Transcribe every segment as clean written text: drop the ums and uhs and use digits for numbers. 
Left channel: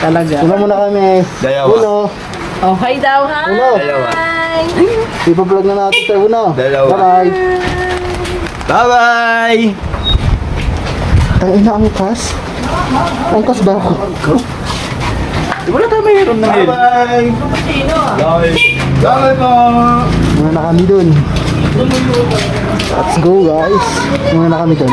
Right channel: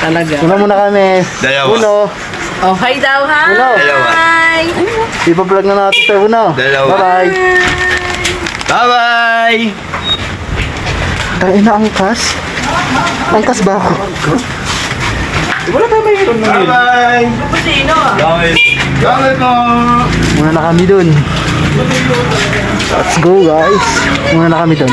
Talaga. Una muna kami. Dalawa. Uno. Oh, hi daw, hi! Uno. Dalawa. Ipa-vlog na natin sa uno. Dalawa. Bye-bye. Bye-bye! Tayo na angkas. Angkas ba ako? Wala tayo mayroon na yun. Bye-bye! Gamit. Gamit po! Muna na kami dun. Let's go guys. Muna na kami dun.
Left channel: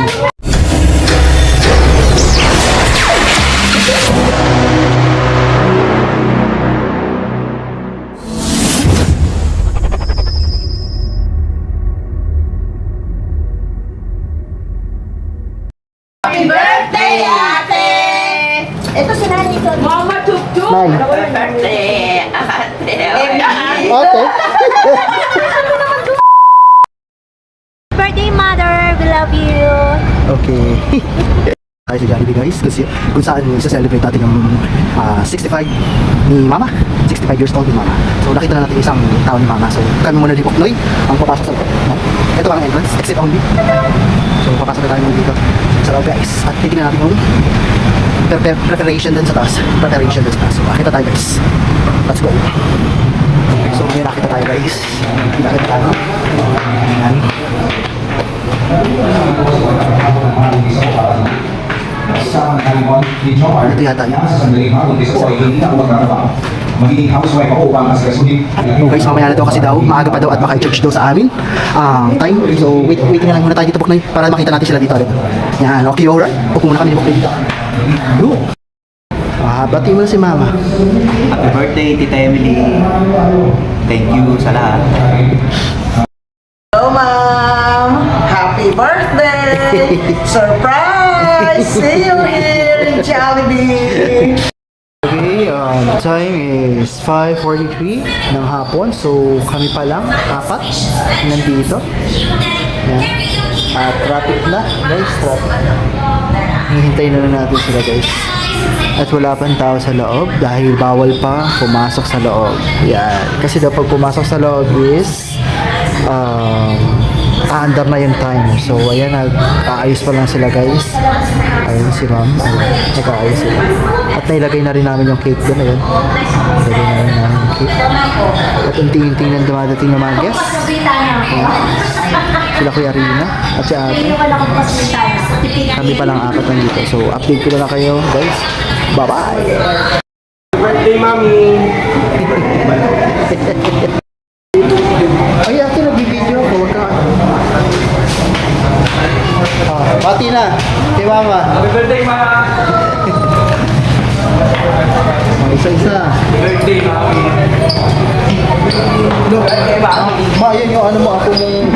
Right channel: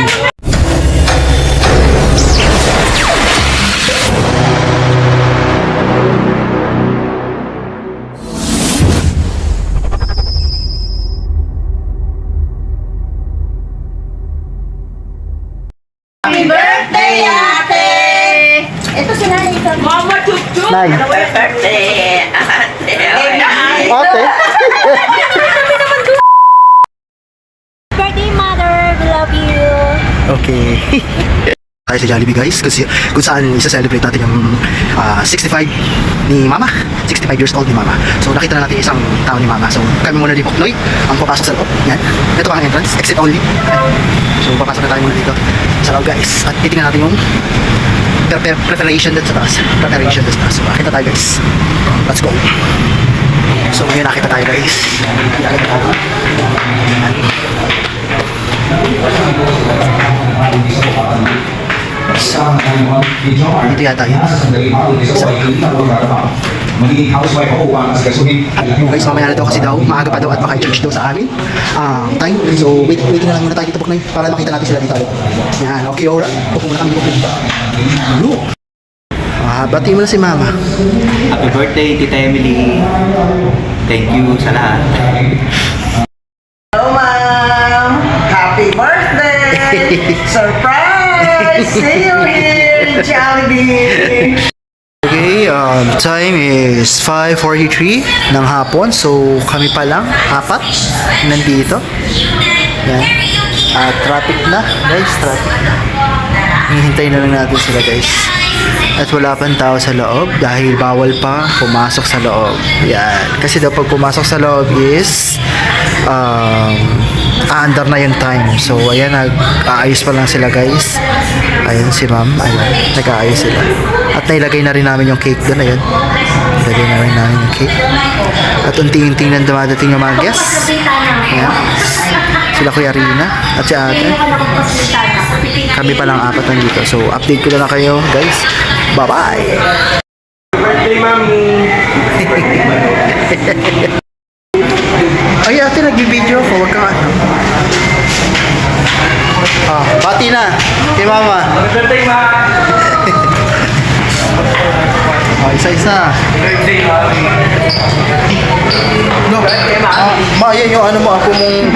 Happy birthday, ate! Ito si Nani. Mama Tuk-Tuk! Nay. Happy birthday, ate! Ate. Birthday, mother! We love you! Okay. Tayo sa Jollibee guys kasi kung saan isa-celebrate natin yung 65 ni Mama. 65 years old ni Mama. So nakita na natin isang tao ni Mama. So kami muna dito, Noy, ang papasok sa loob. Yan. Ito ang entrance, exit only. So papasok na tayo muna dito sa loob guys. At titingnan natin yung preparation dun sa taas. Preparation dun sa taas. So nakita tayo guys. Let's go. So ngayon nakita tayo guys. Nakita tayo. Yan. Ito yata yun. Magiging housewife ako upang asikasuhin. So guys, mamaya na daw kasi daw, maaga pa daw at maka-charge daw sa amin time. So waiting na lang muna tayo dito Buknoy para makita natin sila dito. Yan, okay, alright. Upo muna kami dito. Bati mo na si Mama. Happy birthday, Tita Emily. Thank you sa lahat. Hello, ma'am! Happy birthday! Surprise! See you here in Jollibee! Okay, time is 5:43 ng hapon. So kami pa lang, apat, nandito. Yan. Traffic na, guys, traffic na. Hihintay na lang natin sila guys. At wala pang tao sa loob dahil bawal pa pumasok sa loob. Yan. Kasi daw pag pumasok sa loob is under na yung time. So ayan, nag-aayos pa lang sila guys. Ayun si ma'am, ayun, nag-aayos sila. At nailagay na rin namin yung cake doon, ayun. Nilagay na rin namin yung cake. At unti-unting nang dumadating yung mga guests. Ayan. Sila Kuya Rina at si ate. Kami pa lang apat nandito. So update ko na kayo guys. Bye-bye! Birthday, Mami! Ay ate, nag-video ako. Huwag kang ano. Pati na kay Mama. Happy birthday, Ma! Isa-isa. Birthday, Mami! No. Ma, yan yung ano mo, ako mong...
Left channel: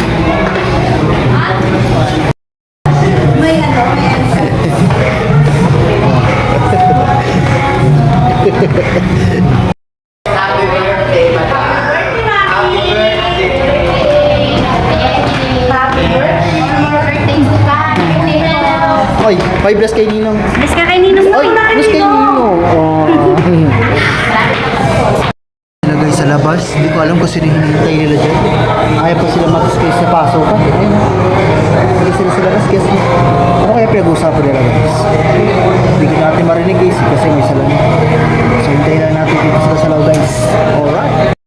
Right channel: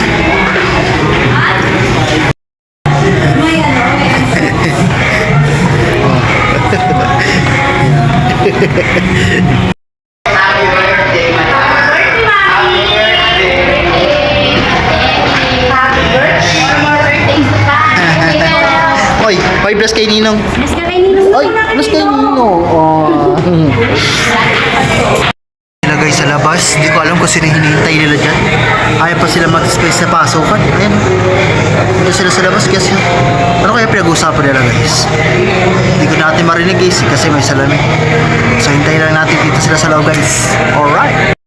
Oy, oy, bless kay Ninong. Miss ka kay Ninong. Oy, bless kay Ninong. Sila guys sa labas, hindi ko alam kung sino hinihintay nila dyan. Ayaw pa sila mag-space sa pasukan. Ayan. Ito sila sa labas guys. Ano kaya pinag-uusapan nila guys? Hindi ko natin marinig guys kasi may salamin. So hintayin lang natin dito sila sa loob guys. Alright.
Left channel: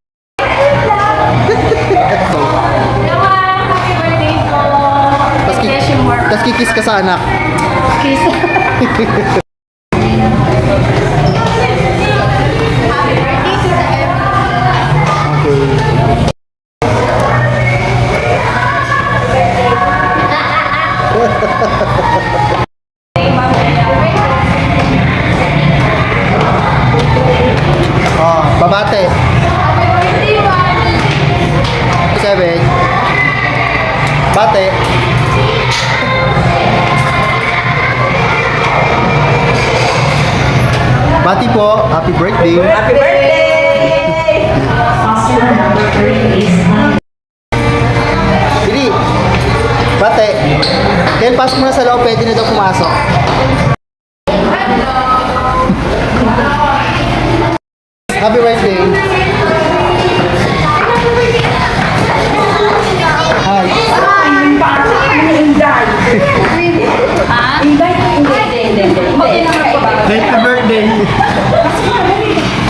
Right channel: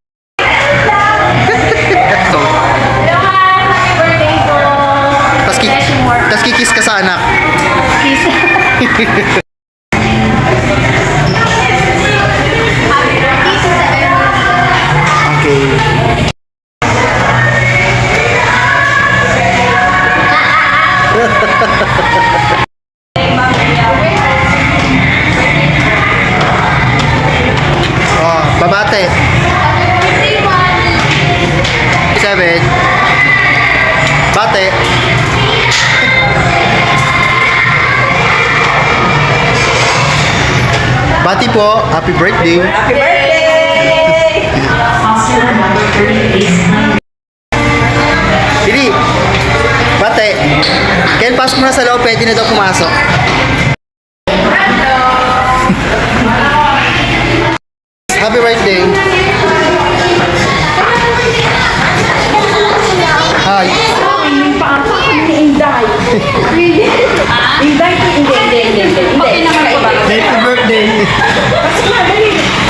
Tas kikis ka sa anak. Okay. Babate. 7. Bate. Bati po, happy birthday. Happy birthday! Dili. Bate. Ken, pasok mo na sa loob, pwede na daw pumasok. Happy birthday. Hi. Inday ko, hindi. Happy birthday. birthday.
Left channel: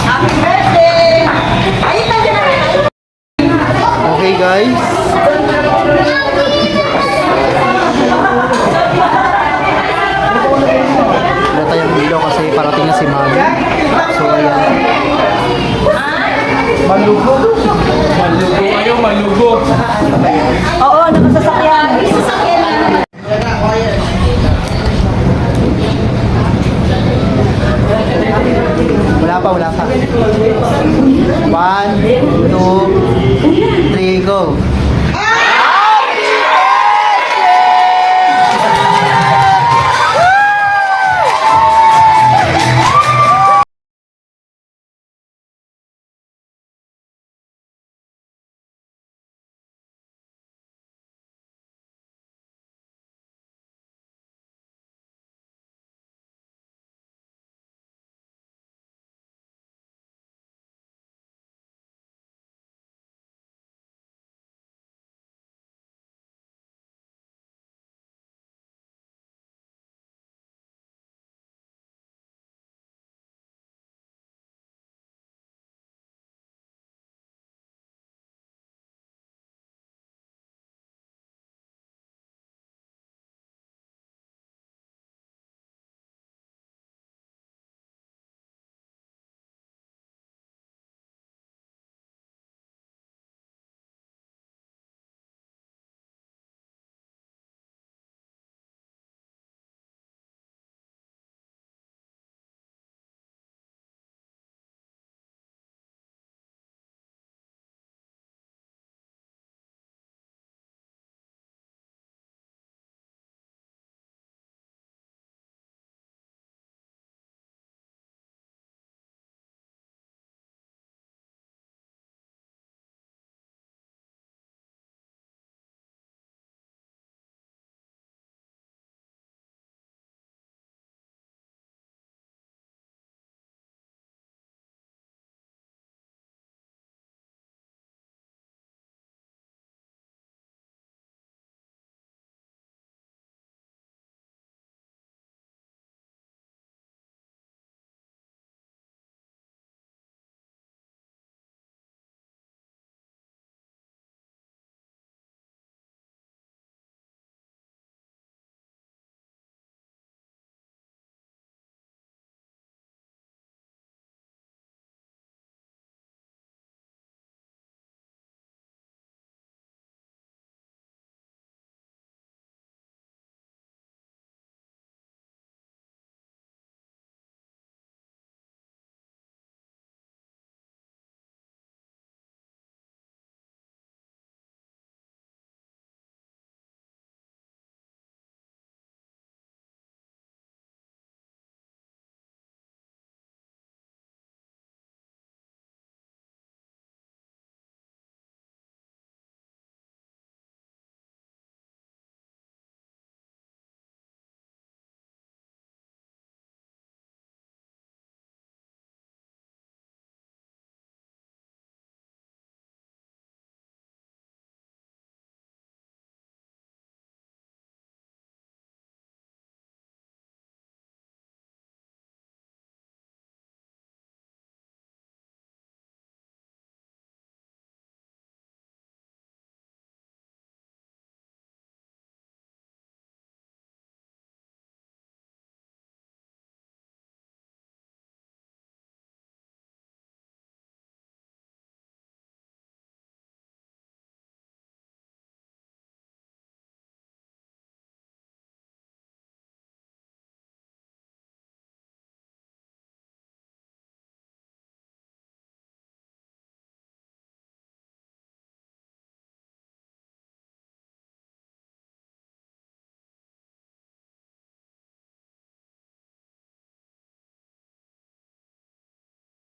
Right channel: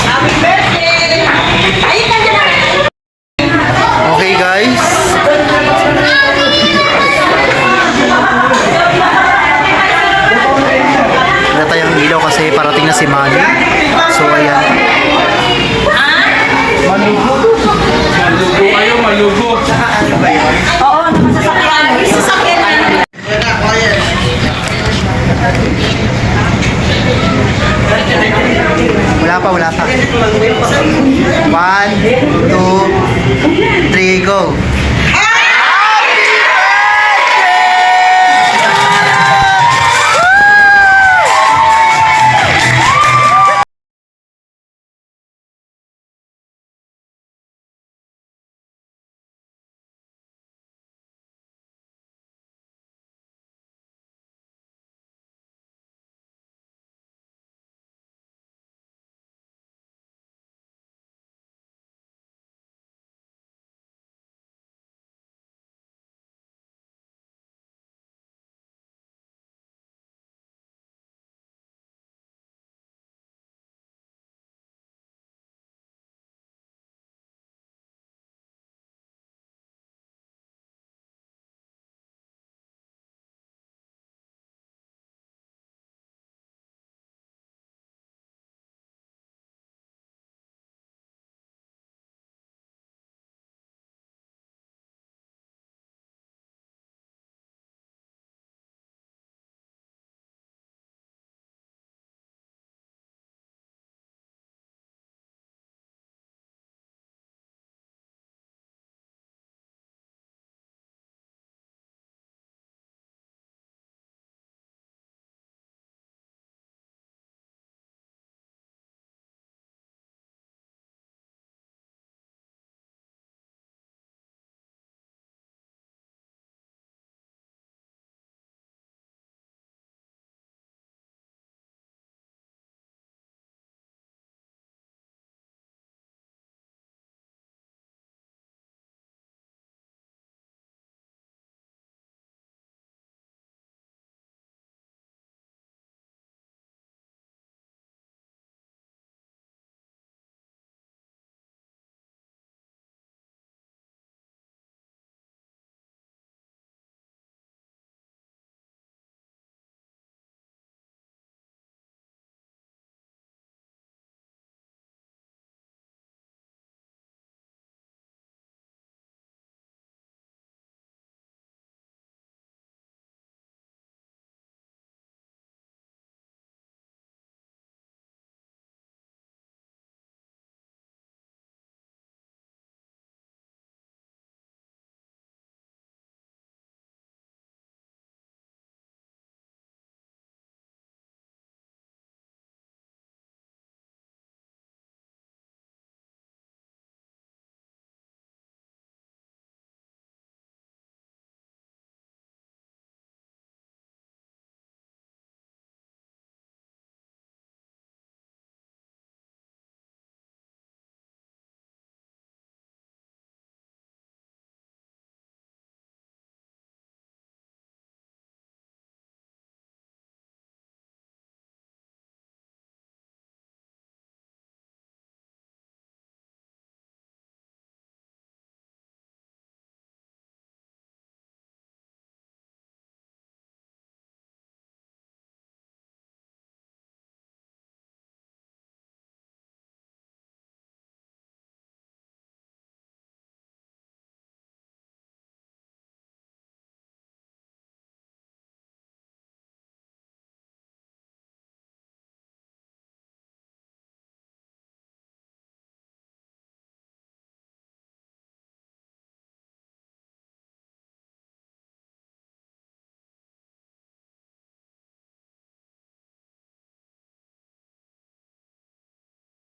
Happy birthday! Ayun ka dyan. Okay guys. Wala tayong ilaw kasi parating na si Manny. So ayan. Malugo. Malugo kayo, malugo. Oo, nakasasakyan. May sasakyan na. Wala pa. 1, 2, 3, go!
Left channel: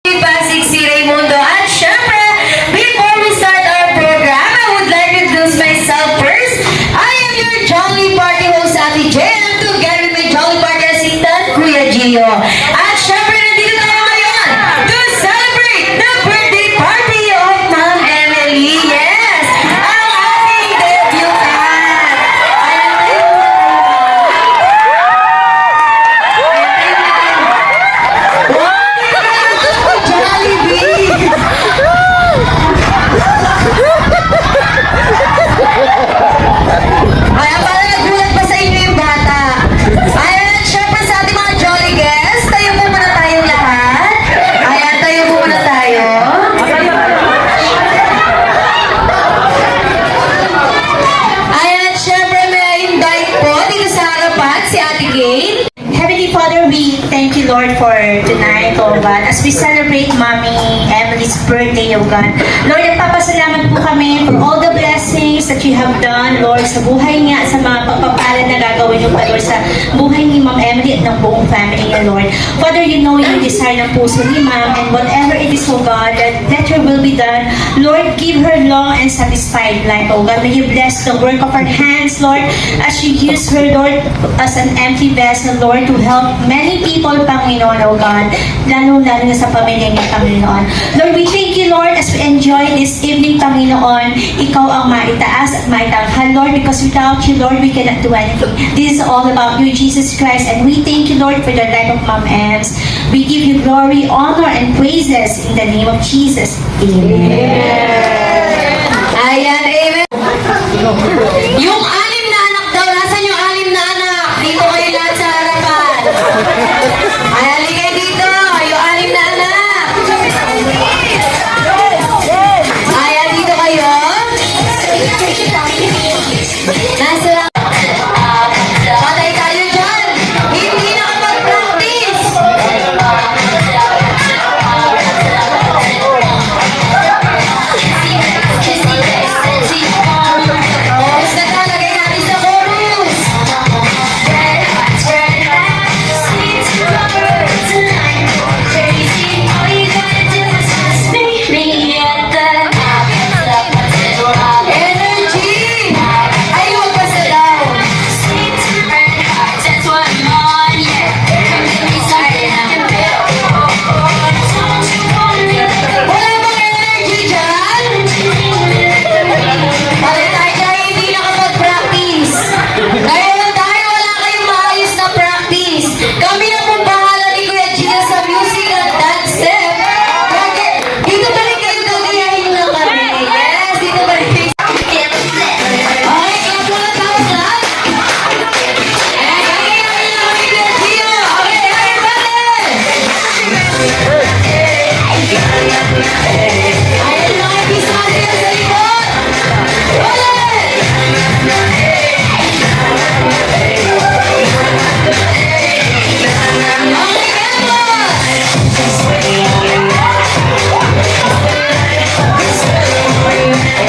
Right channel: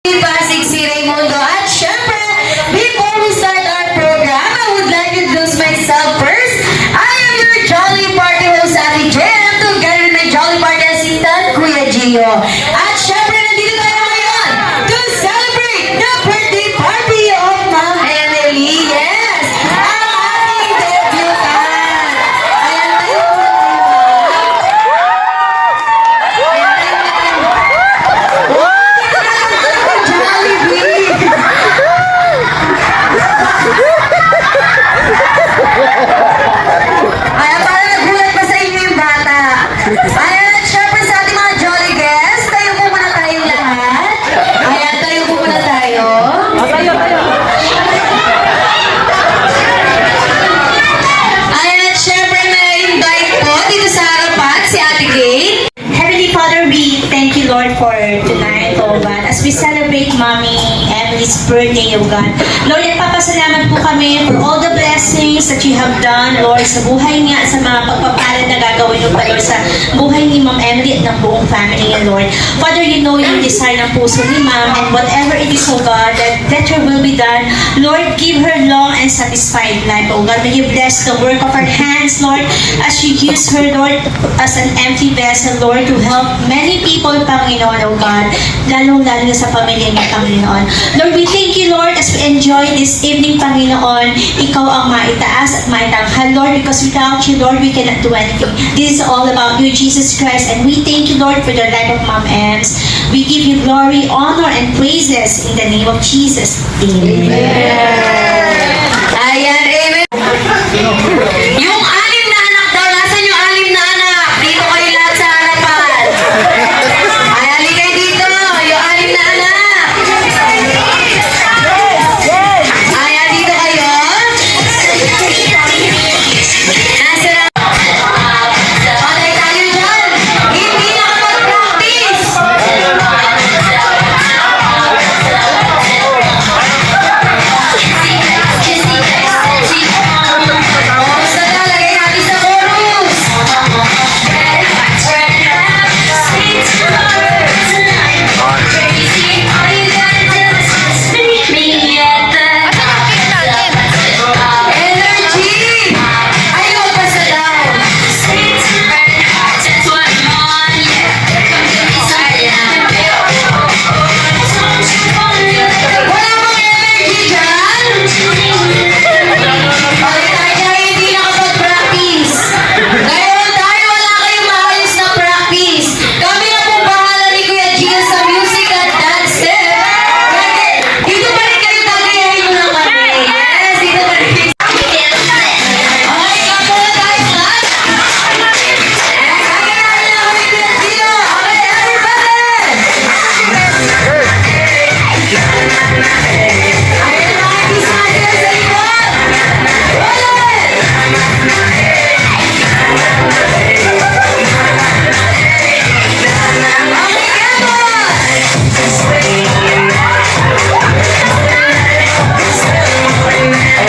Pasig si Raimundo. At syempre, before we start our program, I would like to introduce myself first. I am your Jolly Party host, Ate Jen, together with my Jolly Party assistant, Kuya Gio. At syempre, nandito tayo ngayon to celebrate the birthday party of Ma'am Emily. Yes, ang ating debutant. her tonight, oh God, as we celebrate Mommy Emily's birthday, oh God. Lord, nagpapasalamat po kami for all the blessings that you have done, Lord, sa buhay niya at sa mga pagpapalad na gagawin mo pa, Lord, sa buhay ni Ma'am Emily at ng buong family niya, Lord. Father, you know yung desire ng puso ni Ma'am, and whatever it is, oh God, that your will be done, Lord, give her long and satisfied life, oh God. May you bless the work of her hands, Lord, as you use her, Lord, as an empty vessel, Lord, to help many people, Panginoon, oh God, lalong-lalo sa pamilya niya, Panginoon. Lord, we thank you, Lord, as we enjoy this evening, Panginoon, ikaw ang maitaas at maitanghal, Lord, because without you, Lord, we cannot do anything. This is all about you, Jesus Christ, and we thank you, Lord, for the life of Mom Ems. We give you glory, honor, and praises in the name of Jesus. Amen. Ayan, amen. Yung anim na anak daw, nasan yung anim na anak? Dito kayo lahat sa harapan. Ayan, ligay dito, yung anim na anak. Ayan, dito kayo. Nasa patay tayo dyan. Hindi nakapag-practice. Basta talagay natin sa chorus. Energy! Ay, huwag ka sa daw. Wala bang energy dyan? Bakit tayo hindi nakapag-practice? Ngayon tayo wala kayong maayos na practice. Kami na pong bahala ni Kuya Gia sa music at dance step. Kaya dito pa rin kayo gagayahin mo lang kami. Yes, dito pa rin kayo. Okay, kapula tayo lahat. Ayan, gagayahin na kami Kuya Gia. Okay, everybody! Ayan mga pisati na sa likod. Ulit! Okay, come on!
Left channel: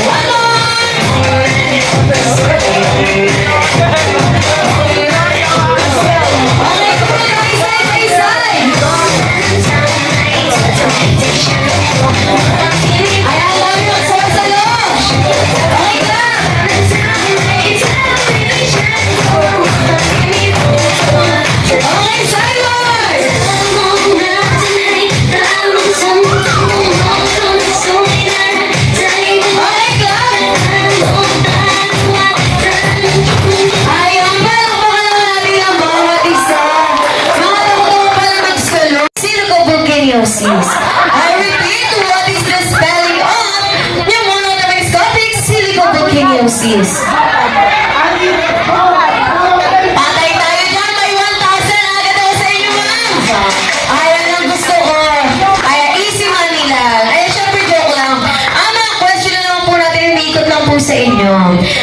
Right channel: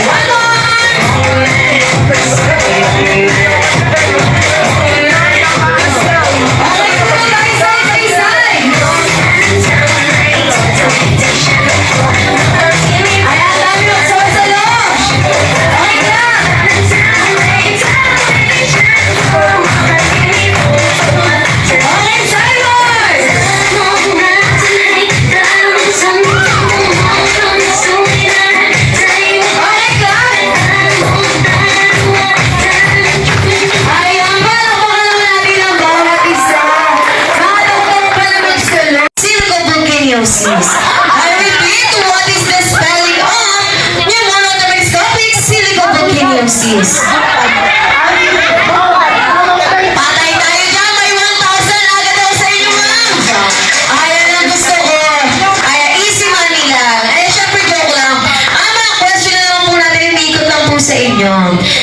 One Ayan, dami magsama-salo. Okay ka? Okay, Simon! Okay ka? Ayan, palakpakan natin ang bawat isa. Mga doktor para mag-solo. Silicovolcaniosis. I repeat, what is the spelling of pneumothoracic silicovolcaniosis? Patay tayo dyan, may 1,000 agad ako sa inyo, ma'am. Ayan ang gusto ko. Ayan, easy money lang. Ayan, syempre joke lang. Ang mga question na lang po natin, iniikot lang po sa inyo.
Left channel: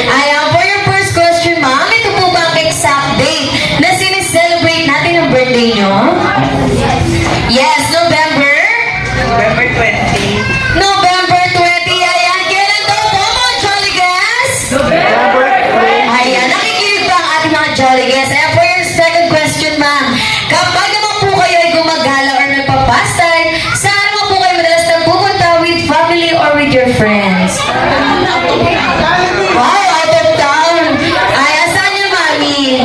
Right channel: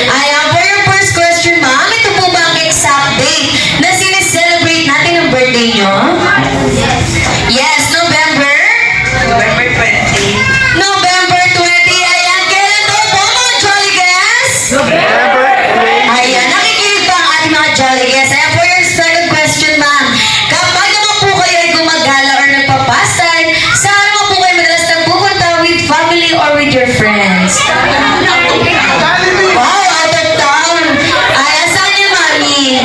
Ayan, for your first question, ma'am, ito po ba ang exact date na sineselebrate natin ang birthday nyo? Yes, November? November 20. November 20. Ayan, kailan daw po mga Jolly Guests? Ayan, nakikinig ba ang ating mga Jolly Guests? Ayan, for your second question, ma'am. Kapag naman po kayo ay gumagala or nagpapastime, saan naman po kayo madalas nagpupunta, with family or with your friends? Wow, out of town. Ayan, saan yung mami?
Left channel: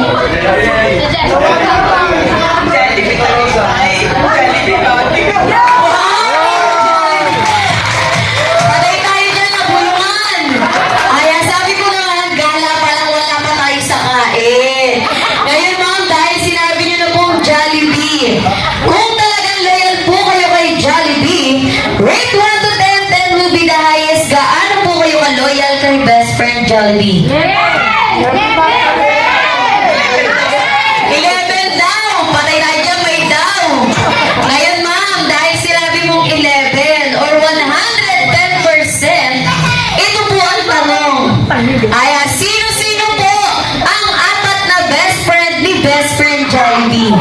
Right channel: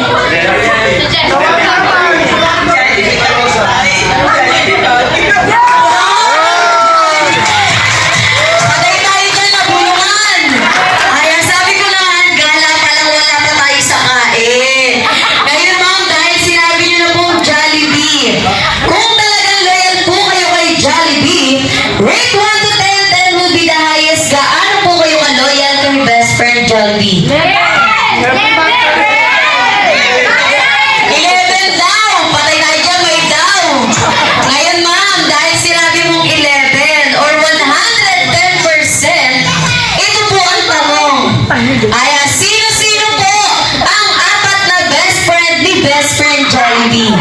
Patay tayo dyan na bulungan. Ayan, sabi ko na, gala pa lang, wala pa tayo sa kain. Ngayon, ma'am, dahil sinabi niyo na pong Jollibee, kung talagang loyal po kayo kay Jollibee, rate 1 to 10, 10 will be the highest. Gaano po kayo ka-loyal kay best friend Jollibee? 11 daw. Patay tayo dyan, may daw. Ngayon, ma'am, dahil sinabi mong 11 or 110%, ito po ang tanong. Aya, sino-sino po ang apat na best friend ni best friend Jollibee?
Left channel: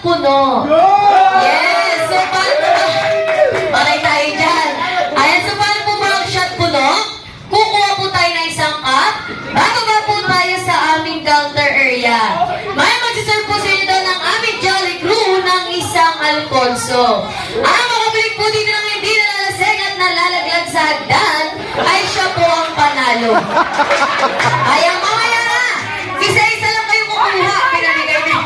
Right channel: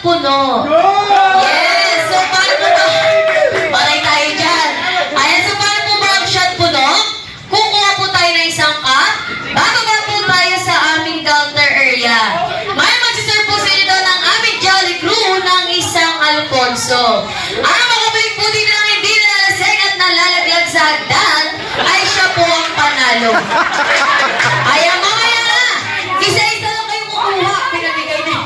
puno. Yes! So, paano po ba? Patay tayo dyan. Ayan, so paano po ba ang shot puno? Kukuha po tayo ng isang cup. Bababa po tayo sa aming counter area. May magsiserve po sa inyo doon ng aming Jolly Crew ng isang Alfonso. Ang makabalik po dito ng hindi nalalaseng at nalalaglag sa hagdan ay siya po ang panalo. Ayan, mamaya na! Isa-isa lang kayo kukuha. Pinamigay niyo.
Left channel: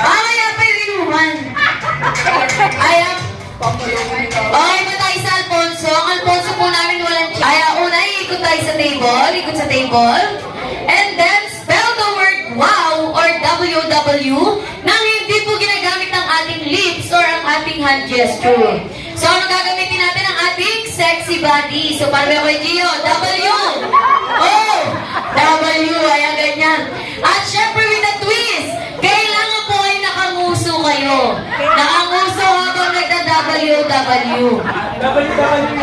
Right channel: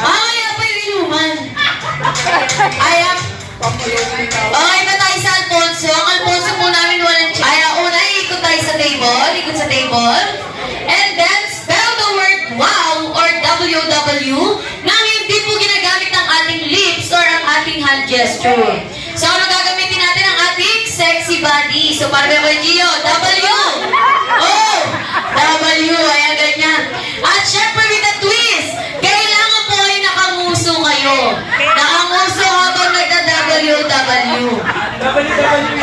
Mamaya pa yung inuman. Ayan. Okay ba tayo sa Alfonso? Ang Alfonso po namin walang check. Ayan, una, ikot tayo sa table. Ikot sa table. And then, spell the word wow or WW nang hindi po ginagamit ang ating lips or ang ating hand gesture. So, ano gagamitin natin ang ating sexy body? So, paano yung kay Gio? W! Oh! W! Ayan, ganyan. At syempre, with a twist, kailangan po ay nakanguso kayo. Nakanguso habang nagda-WW.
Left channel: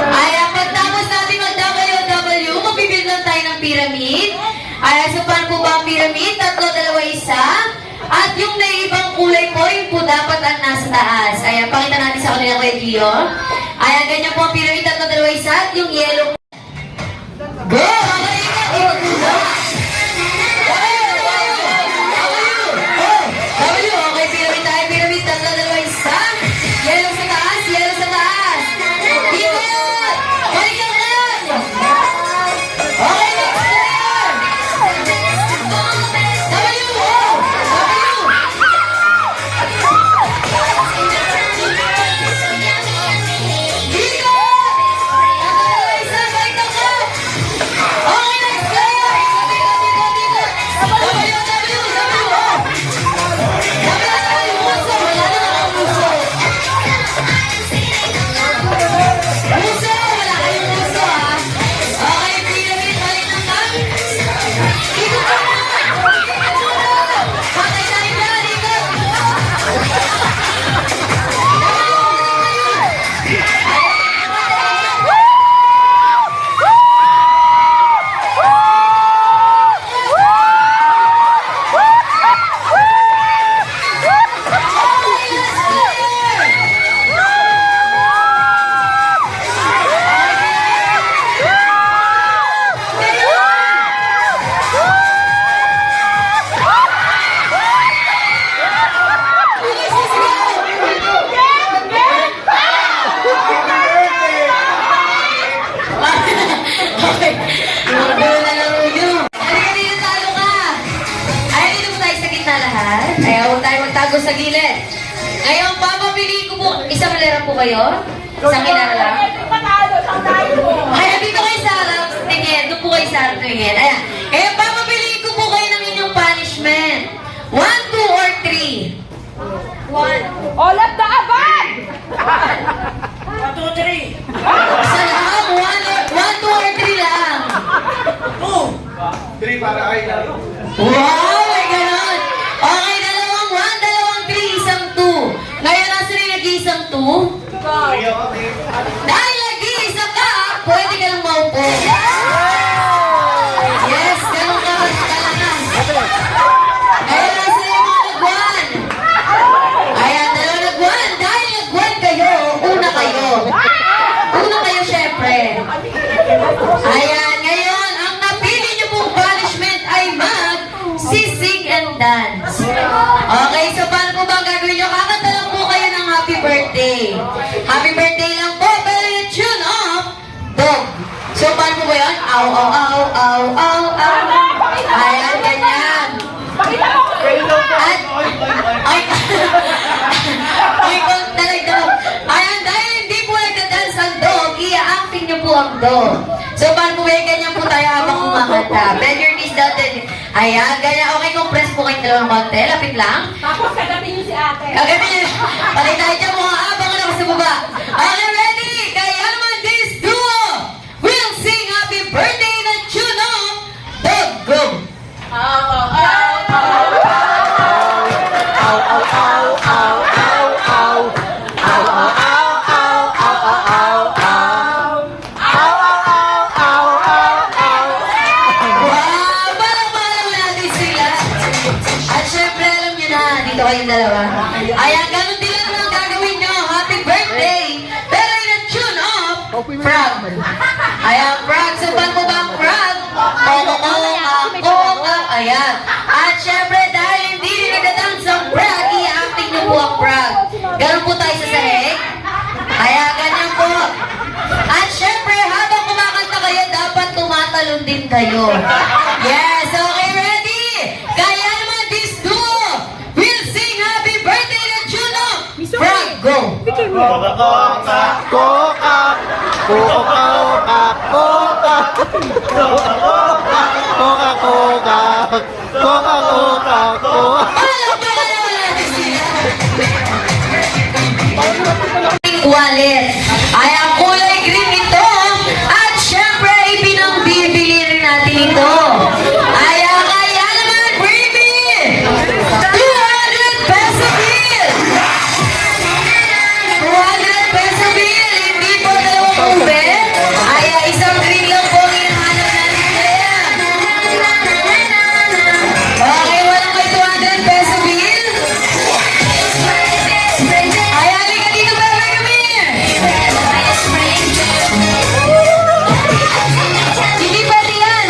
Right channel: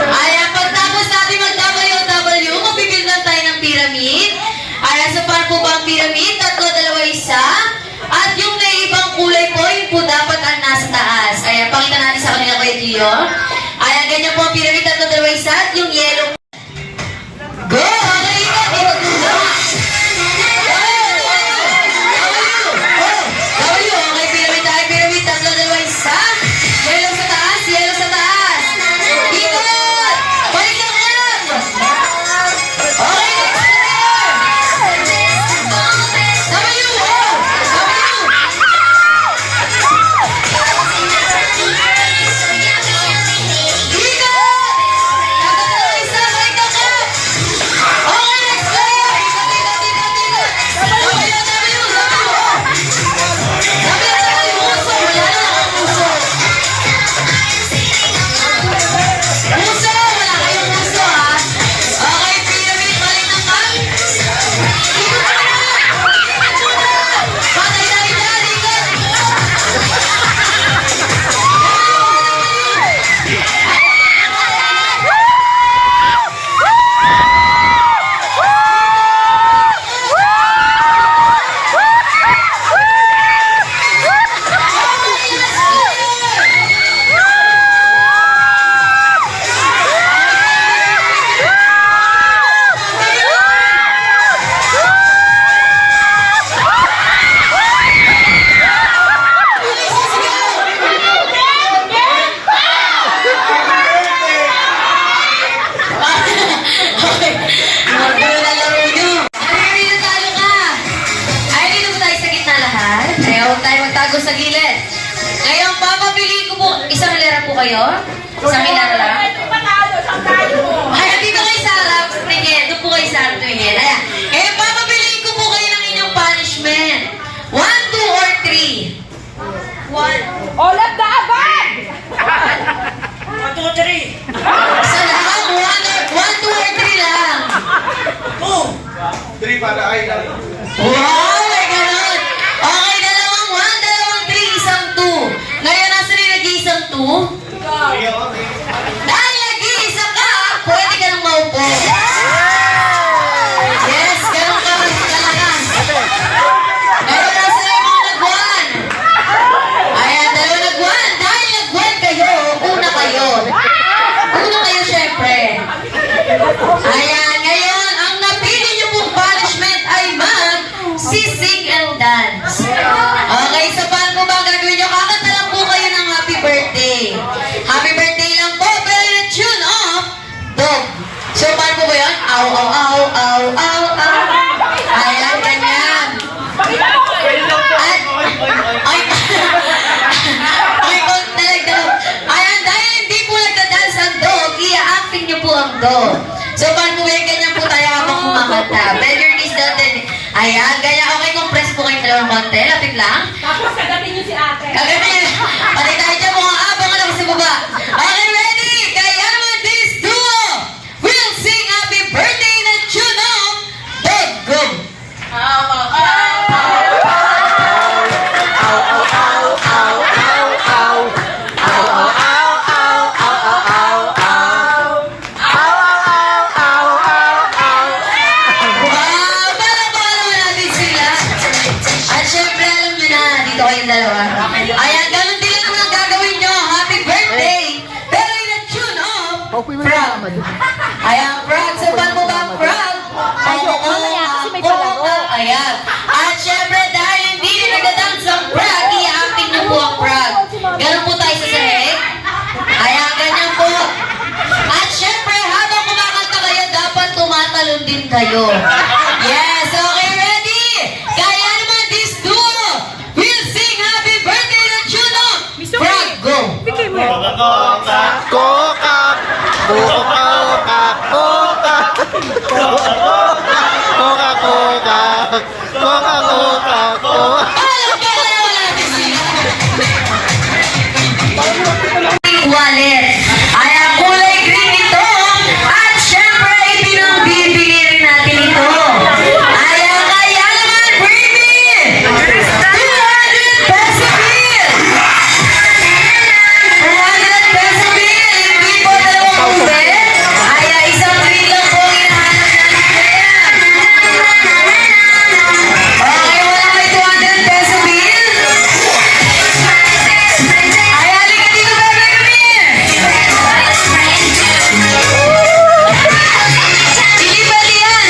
Ayan, pagtapos natin mag-WW, magbibigyan lang tayo ng pyramid. Ayan, so paano po ba ang pyramid? 3, 2, 1. At yung naibang kulay po, yun po dapat ang nasa taas. Ayan, pakita natin sa kanila kay Gio. Ayan, ganyan po ang pyramid, 3, 2, 1. At yung yellow. Go! Okay, okay, pyramid tayo, pyramid, 3, 2, 1. Yellow sa taas, yellow sa taas. Ikot! Balik lang lang! Okay, next player! W! Tago sa gilid. Ngayon, papapiliin ko po, isang hilera po kayo? Isang hilera lang? Ayan, dito kayo sa harap, tingin. Doon po kayo sa harap nyo ingin. Ayan. Ngayon, papapiliin ko po kayo ng inyong punishment. 1, 2, or 3? 1. All of the above! 1, 2, 3. Sa lahat, 1, 2, or 3 lang. 3 para ay Wow, may ganun. Okay, dalawang 1, dalawang 3, isang 2. Ngayon, nasa rin nag-iisang 2? Dahil nag-iisa ka, pwede ka nang maupo. Yes, ganun ka. Ngayon, nasa rin mga nag-1. Ayan, dalawa nag-1. Dahil nag-1 kayo, una kayo. Una kayo, syempre. Ayan, ngayon, ang napili niyo pong punishment ay mag-sisig and dance. Okay, so paano po ba ang gagawin niyo? Kakanta lang po kayo ng happy birthday. Happy birthday lang po, pero yung tune off, dog. So paano po ba yun? Ow, ow, ow, ow, ow, ow. Ayan, ganyan. At, ay, ay, talaga. Ayan, dahil hindi po nagdadance ang dog, i-acting niyo po ang dog. So, paano po yan? Ganyan po tayo habang kumakanta. Bend your knees down. Ayan, ganyan. Okay, compress po kayong dalawang konti. Lapit lang. Tapos kagatin niyo si ate. Kagatin. Patay tayo dyan mga abangan ako sa baba. Okay, ready? Kaya naman this duo will sing happy birthday na tune off. Dog, go. Wow, parang natin sila. At syempre, dito kayong dalawa. Ayan, ganun din lang ang gagawin nyo. Happy birthday! Pero yung tune off, frog. Ayan, frog. Suban mo ba ang frog? Ayan. At syempre, dahil hindi rin nagdadance ang frog, i-acting nyo po ang frog. Ganun po tayo sa sahig. Ayan, ganyan po. At syempre, habang kumakanta kayo, dapat tumatalon din kayo. Yes, okay, ready? Kaya naman, this duo will sing happy birthday to Juno. Frog, go! Coca, Coca, Coca, Coca, Coca, Coca, Coca, Coca. Wallet. Ay, ang kulay green ito. At syempre, ipinangbibili rin natin ito. Ay, kaya naman, baby! 200 peso bill! 200 peso bill! Hindi po dalawang kumbe. Ay, isang green lang po hinahanap natin. Okay, wala may 200 peso bill? Ay, halika dito, baby, kami! Hindi pwede yan!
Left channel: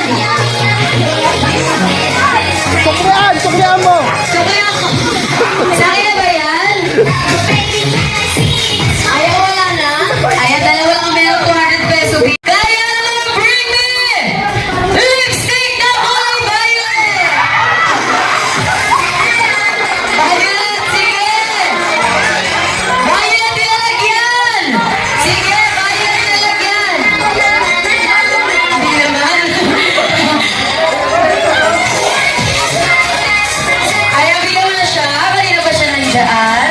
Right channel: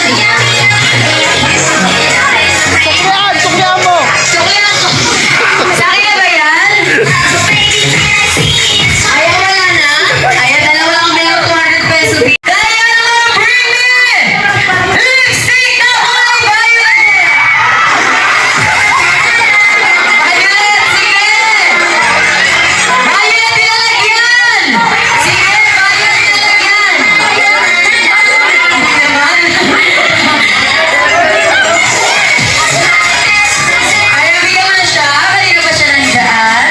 Suklian mo! Suklihan ko! Sa akin na ba yan? Ayaw, wala na? Ayaw, dalawa lang meron 200 peso bill. Kaya naman, bring me! Lipstick na kulay violet! Violet, sige! Violet nilalagyan! Sige, violet nilalagyan! Hindi naman. Ayaw, bigyan mo na siya. Kanina pa siya nandaan.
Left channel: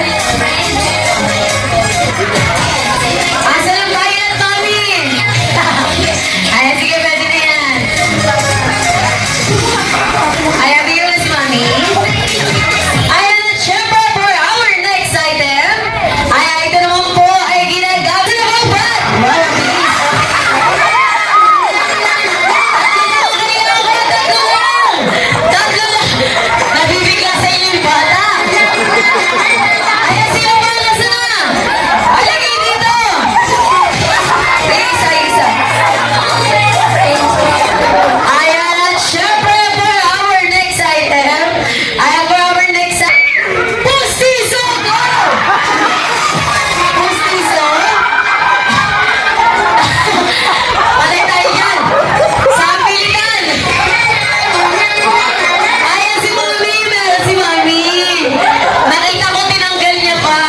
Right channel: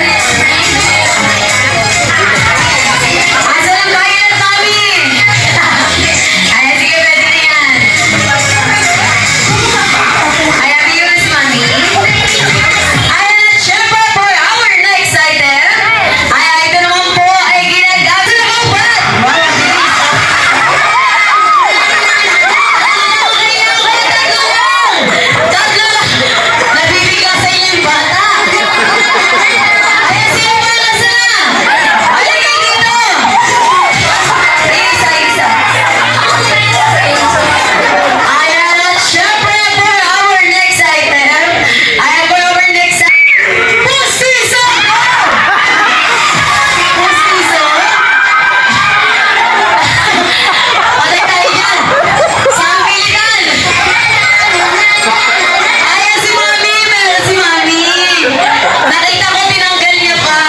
Asa lang violet, mami? Ayaw, sige, pwede na yan. Ayaw, bigyan mo na si mami. Ayan, at syempre, for our next item, ay ito naman po ay ginagamit na upat. Wow, ang bilis. Tatlo lang. Nabibigla sa inyo yung bata. Ayan, si Omar, nasa na? Halika dito. Isa. Ayan, at syempre, for our next item, Pustiso! Pustiso? Patay tayo dyan! Saan pilitan? Ayan si Mami! Meron si Mami! Nakita ko tinanggal niya pa!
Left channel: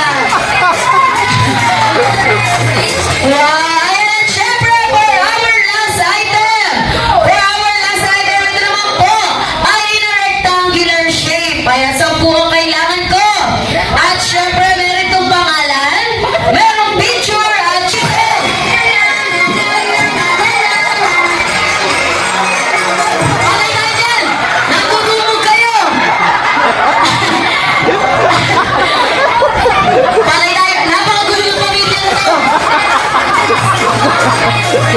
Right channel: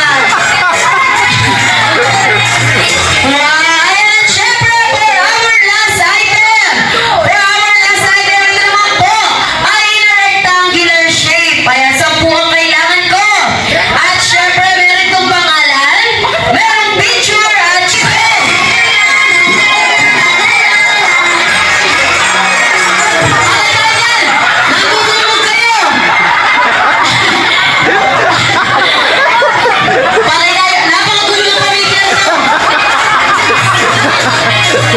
Wow! Ayan at syempre for our last item! Ito naman po ay in a rectangular shape. Ayan, 10 ang kailangan ko. At syempre meron itong pangalan, merong picture at syempre. Patay tayo dyan! Nagugulog kayo! Patay tayo! Napakagulog pamilya to!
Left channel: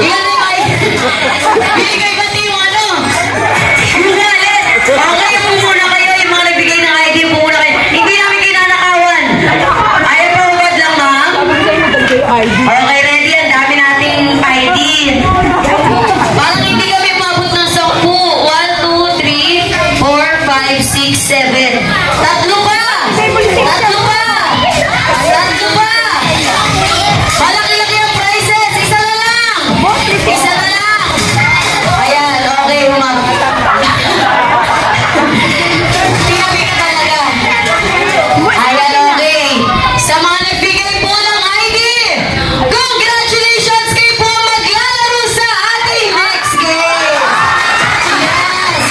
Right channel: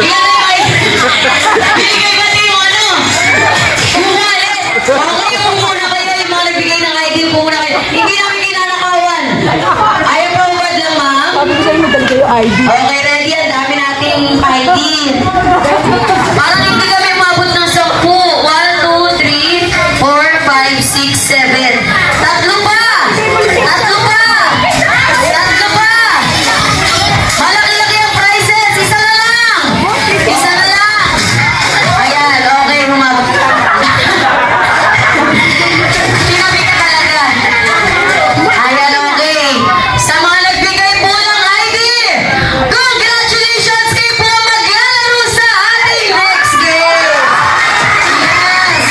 Ilan na yung binigay ba yung ano? Yung wallet! Okay, yung muna kayo, yung mga nagbigay ng ID, yung muna kayo. Hindi namin kinanakawan. Ayaw pa ubad lang, ma'am? Okay, ready. Ang dami nating ID. Parang hindi kami umabot ng 10. 1, 2, 3, 4, 5, 6, 7. Tatlo pa! Tatlo pa! Tatlo pa! Malaki-laki ang prizes! Isa na lang! Isa na lang! Ayan, okay, umabot. Pinabi ka talaga. Ayan, okay. Sa mga nagbigay po ng ID, congratulations kayo po maglalaro sa ating next game. Yes.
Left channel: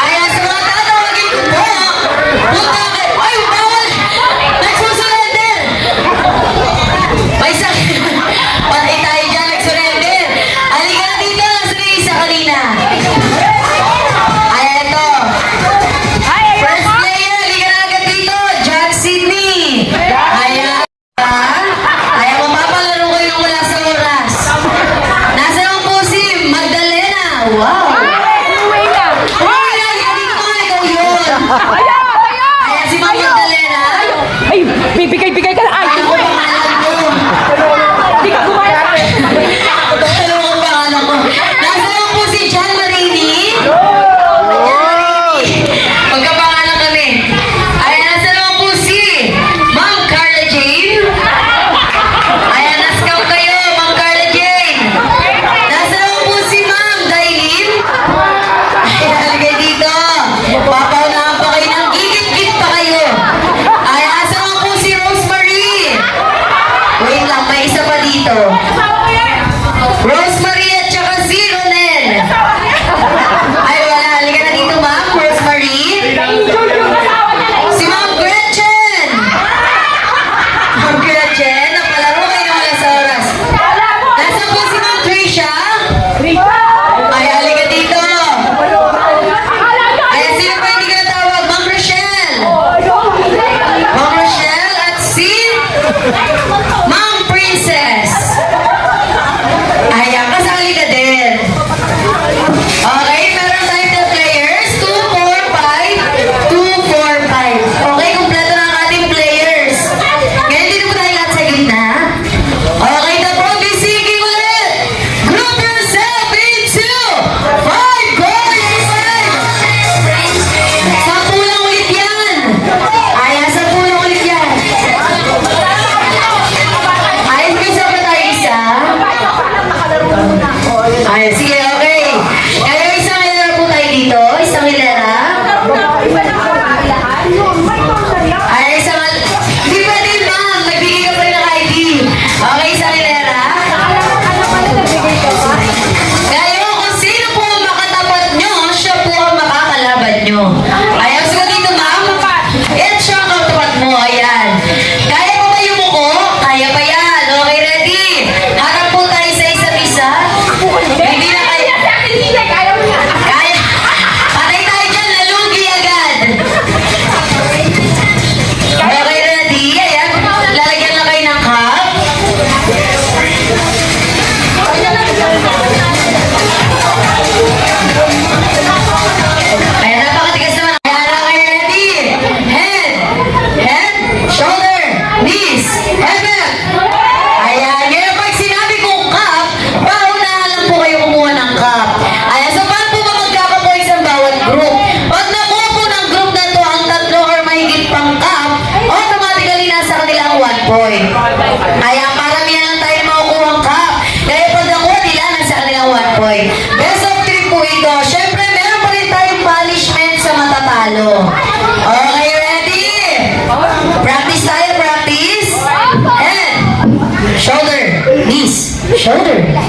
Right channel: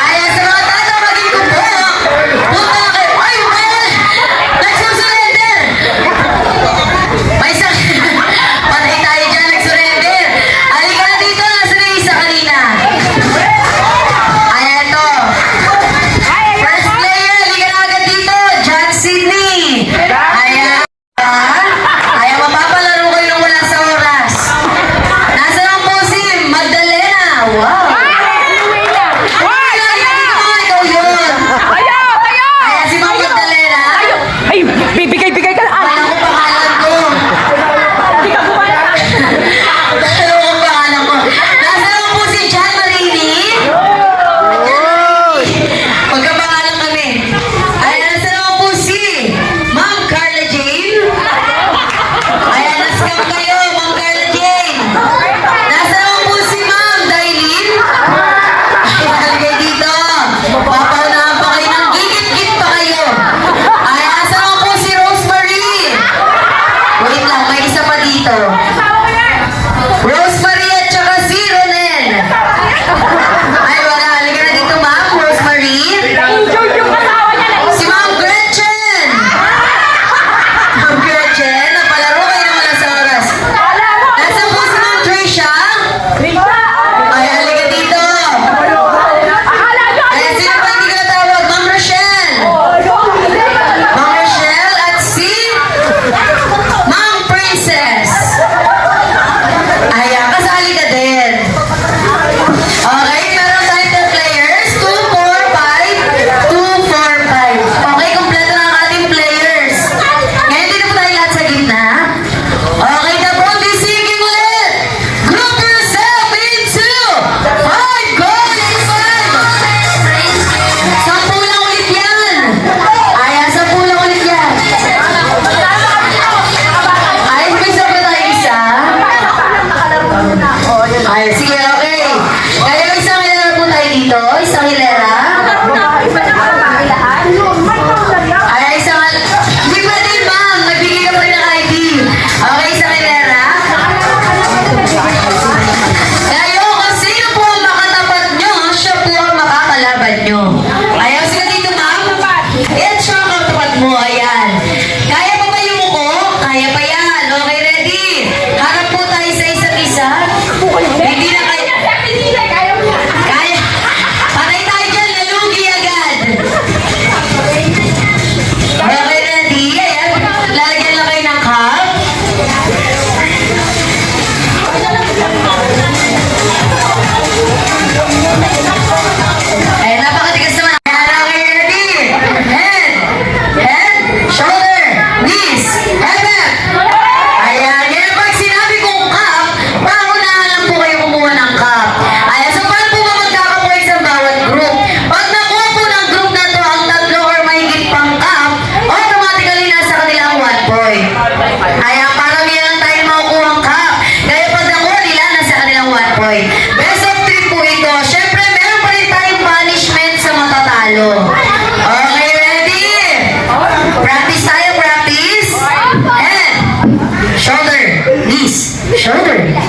Ayan, sa mga tatawagin ko po, punta kayo. Ay, bawal! Nagsusurrender! May sakit. Patay tayo dyan, nagsurrender. Halika na dito, nasa na yung isa kanina. Ayan, ito. First player, halika na agad dito, Jack Sydney. Ayan. Ayan, mapapalaro kayo nang wala sa oras. Nasa lang po si Magdalena. Wow. Uy, halika dito, ikaw yun. Ayan, si Ma'am Magdalena.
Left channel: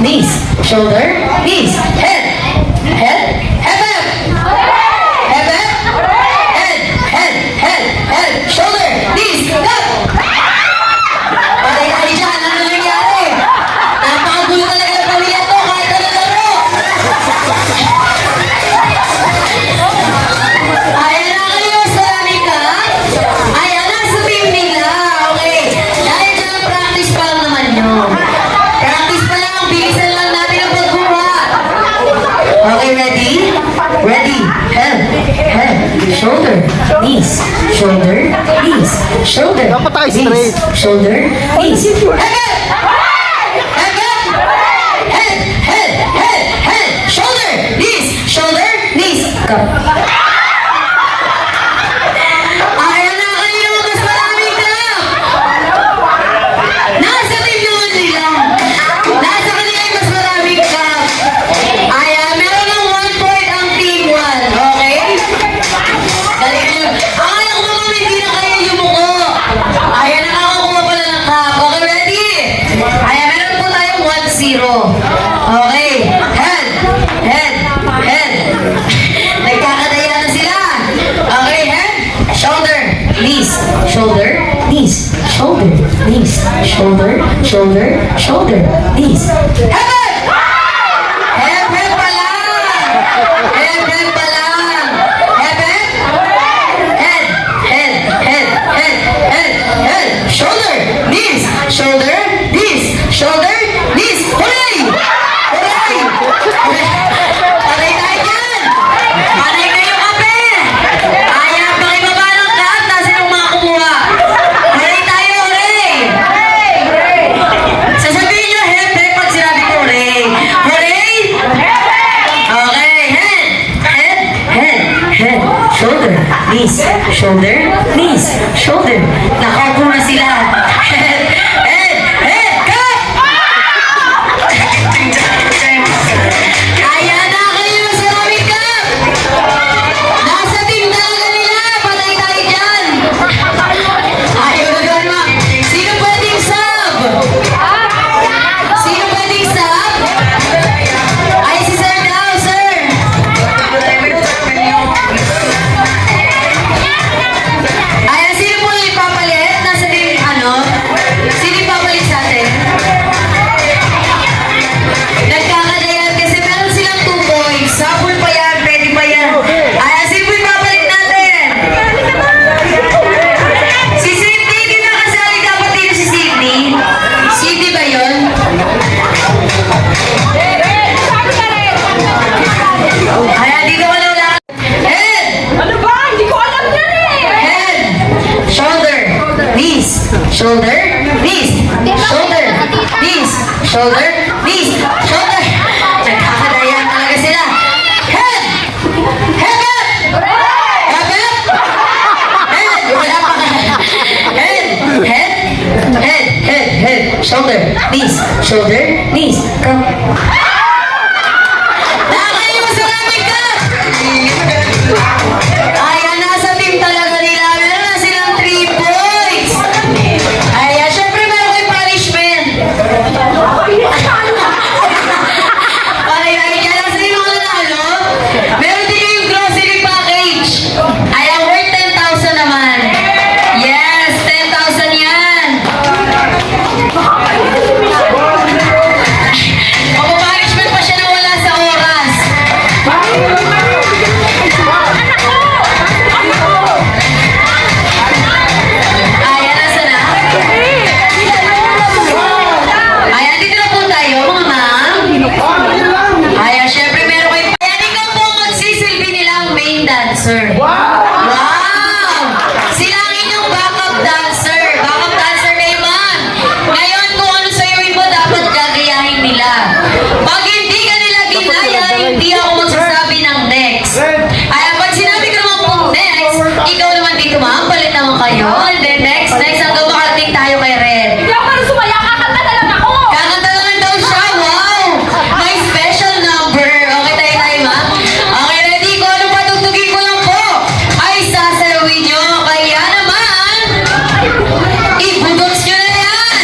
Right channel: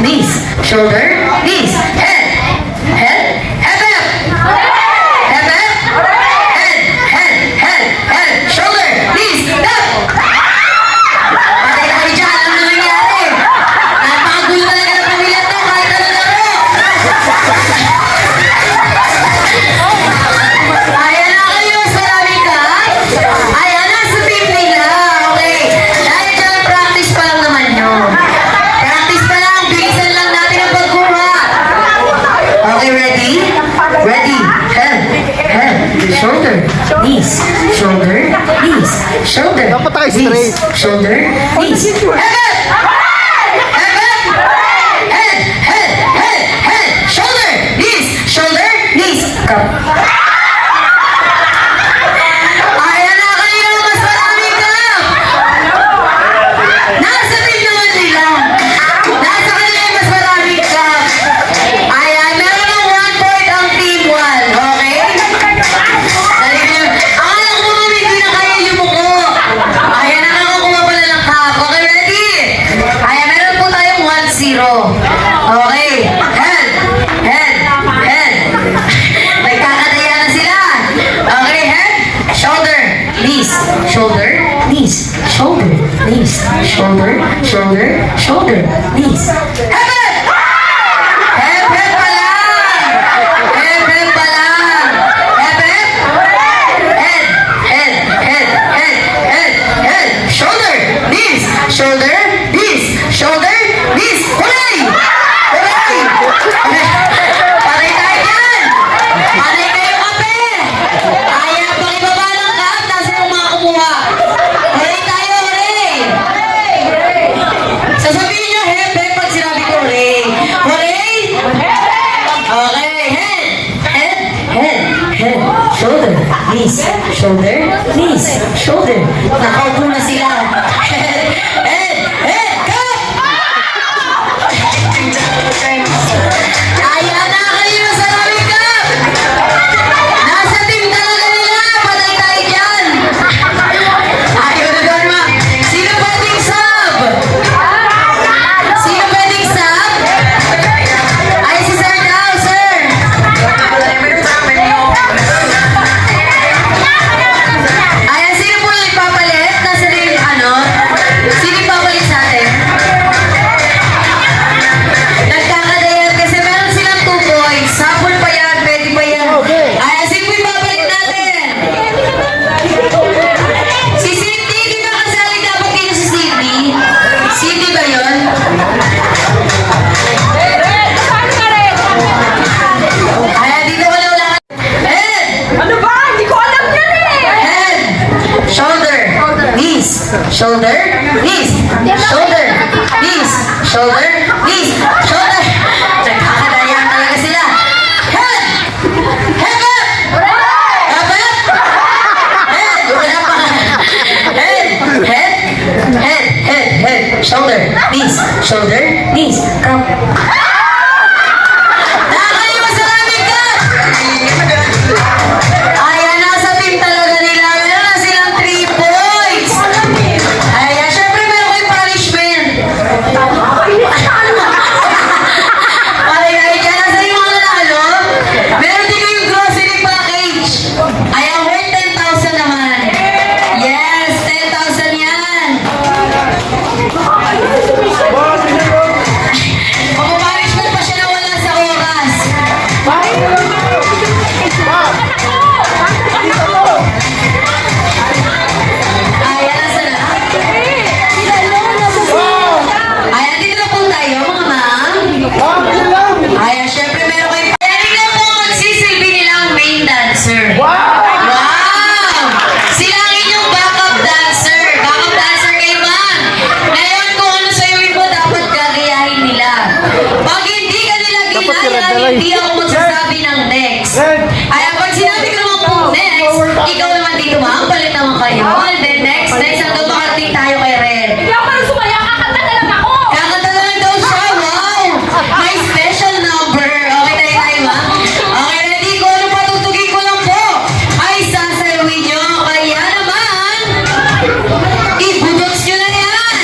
knees, shoulder, knees, head, head, head, head, head, shoulder, knees, up. Patay dyan, ano nangyari? Napakagulo talaga ng pamilya to, kahit ano laro. Ayan na kayo, salamin ka. Ayan na sa team nila, okay. Dahil ka practice pa lang naman yun. Practice pa lang, bilisan lang natin ang pagkuha. Okay, ready? Ready, head, shoulder, knees, shoulder, knees, shoulder, Dapat tayo knees, straight. shoulder, knees, head, shoulder, knees, come. Ayan na kayo, mas maraming clap. Nasa team naman nila. Nasa kanila yung mas maraming clap. Ayan, meron ng 1 point ang team 1. Okay? Dali kayo. Akala ko naman hindi na kayo yumuko. Ayan, nakakuha pala ng cup. Okay, ready? Ayan, meron po tayong 1-0. Okay. Head. Nagkakadaya na sila. Okay, head. Shoulder. Knees. Shoulder. Knees. Shoulder. Knees. Shoulder. Shoulder. Shoulder. Knees. Head. Head pa lang. Head pa lang. Head. Shoulder. Knees. Shoulder. Knees. Shoulder. Knees. Hooray! Panay tayo dyan! Panay kayo kape! Ayaw pakibaba ng lahat, nasa yung mga kumuha. Hooray tayo, hooray! Sasabihin nyo, hepe, pag sinabi ko, hooray. Hooray! Okay, head. Shoulder, knees, shoulder, knees, shoulder. Nakaupo na sila. Head, cut! Ayan na kayo sa lamig ka! Nasa team talaga nila! Patay tayo dyan! Ayaw na gawin ma! Sino pwedeng sub? Sino pwedeng sub? Ay, si Sir daw, Sir! Ayan, sino po yung ipapalit? Nasa team, sino ipapalit sa atin? Nagkakadayan kasi meron silang 2 points. Sapul pa yan, pwede pa yan. Ay, sino po ipapalit natin? Si Sydney, di ba kasali dapat dito si Sydney? Sydney ba yun? Ay, dito ka lang lahat. Head! Ano ba? Hindi ko alam yan eh. Head! Shoulder! Knees! Shoulder! Knees! Shoulder! Knees! Shoulder! Knees! Shoulder! Nagkakadayan talaga sila. Head! Head up! Head up! Head! Wala pa ka. Head! Shoulder! Knees! Shoulder! Knees! Come. Nakayo sa lamig ka! Ayan, nasa team talaga nila. Meron na silang 3 points. Ayan, syempre meron kayong punishment. Patay tayo dyan. Nasa yung mga nanalo. Meron din kayong grocery package. Ayan, worth 10,000 naman. Yes, 10,000 yan. Mapapunishment pa siya na wala sa oras. Ayan, nasa na? Ayan, dito na po tayo, mga ma'am. Ayan, syempre meron kayo. Ayan, tingnan po ang sisilbi nila ang main dancer. Wow! Sila ang inyong backup dancer. Backup dancer kayo, ma'am. Ngayon, kung ano sa iwin mo, dapat gagayahin nila. Pag hindi ka nila ginagawa, hindi ako magsasabi ng next. Ayan, pag sinabi ko naman pong next, ikaw naman dito, ma'am, palit naman kayo. And then next, hanggang makarating tayo kay Red. Hindi ako parang sumaya. Kakanta na lang ako. Kakanta naman daw siya, wow! May special number. Okay, tayo, ma'am. Okay, ready? Kung ano patutugin ko lang po, ay sasayawin nyo. Kaya naman, ibudots nyo na yan.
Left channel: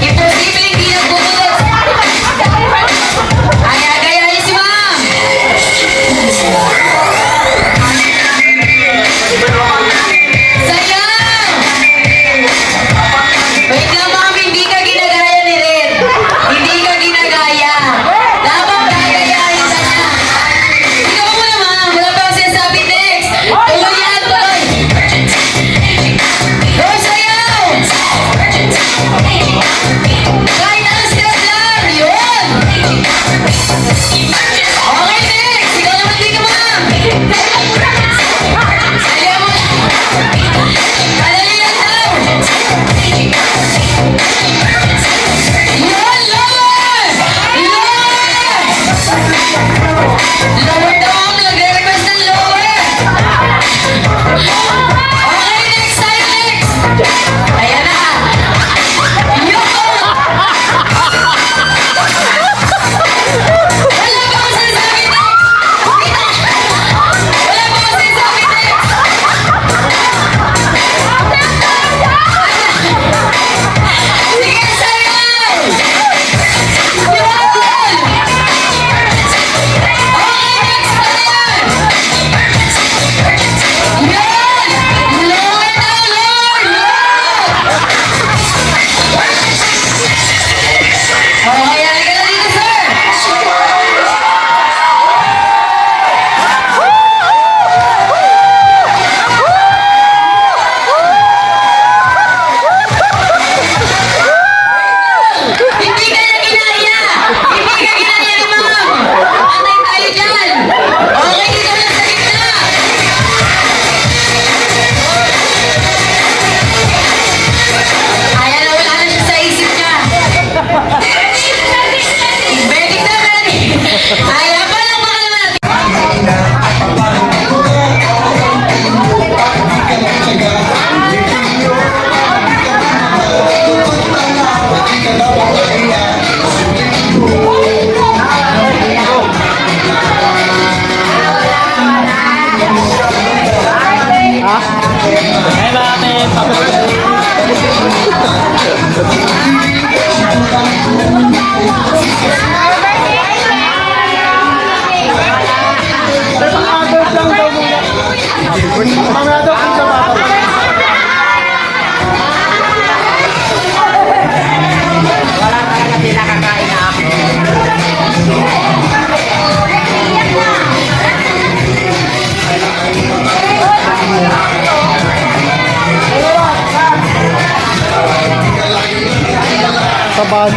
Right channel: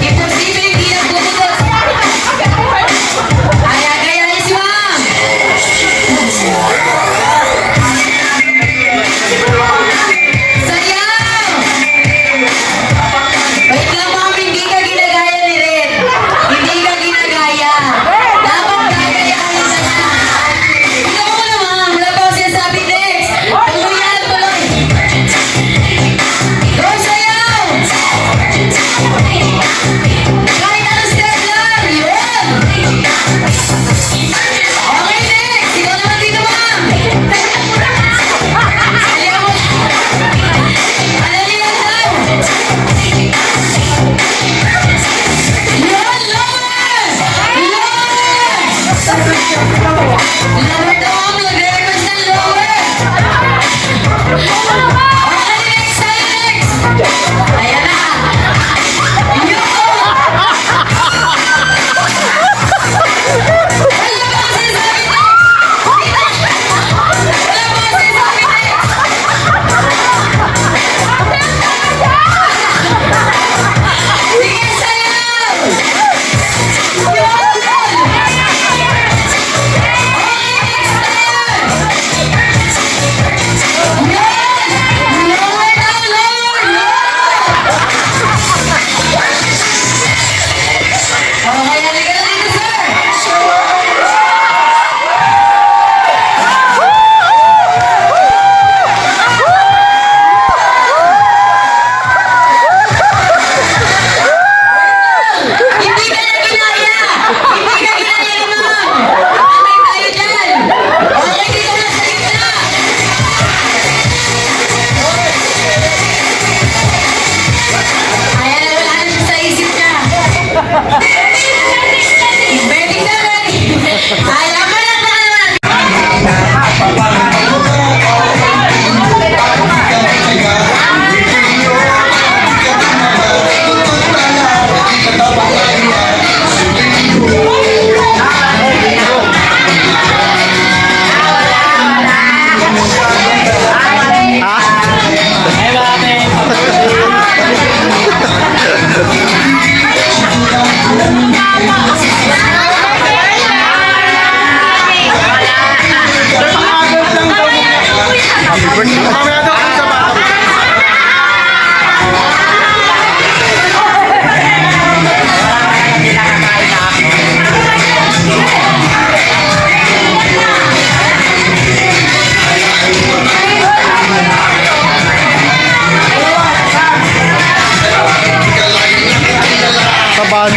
Imposible hindi nagbubudots. Okay, next. Ikaw naman dito, ma'am. Ayaw mo. Madali yan daw. Yun, lower! Lower! Lower daw. Nagre-request ng lower. Okay, next time, next. Ayan na. Yun! Hindi ka na ginaya! Hindi ka ginaya, ma'am! Patay tayo dyan! Okay, dito lang sa gitna! Ayan na, wala na siya sa isip niya. Medic na, medic! Ayan pa lang na naman! Saban.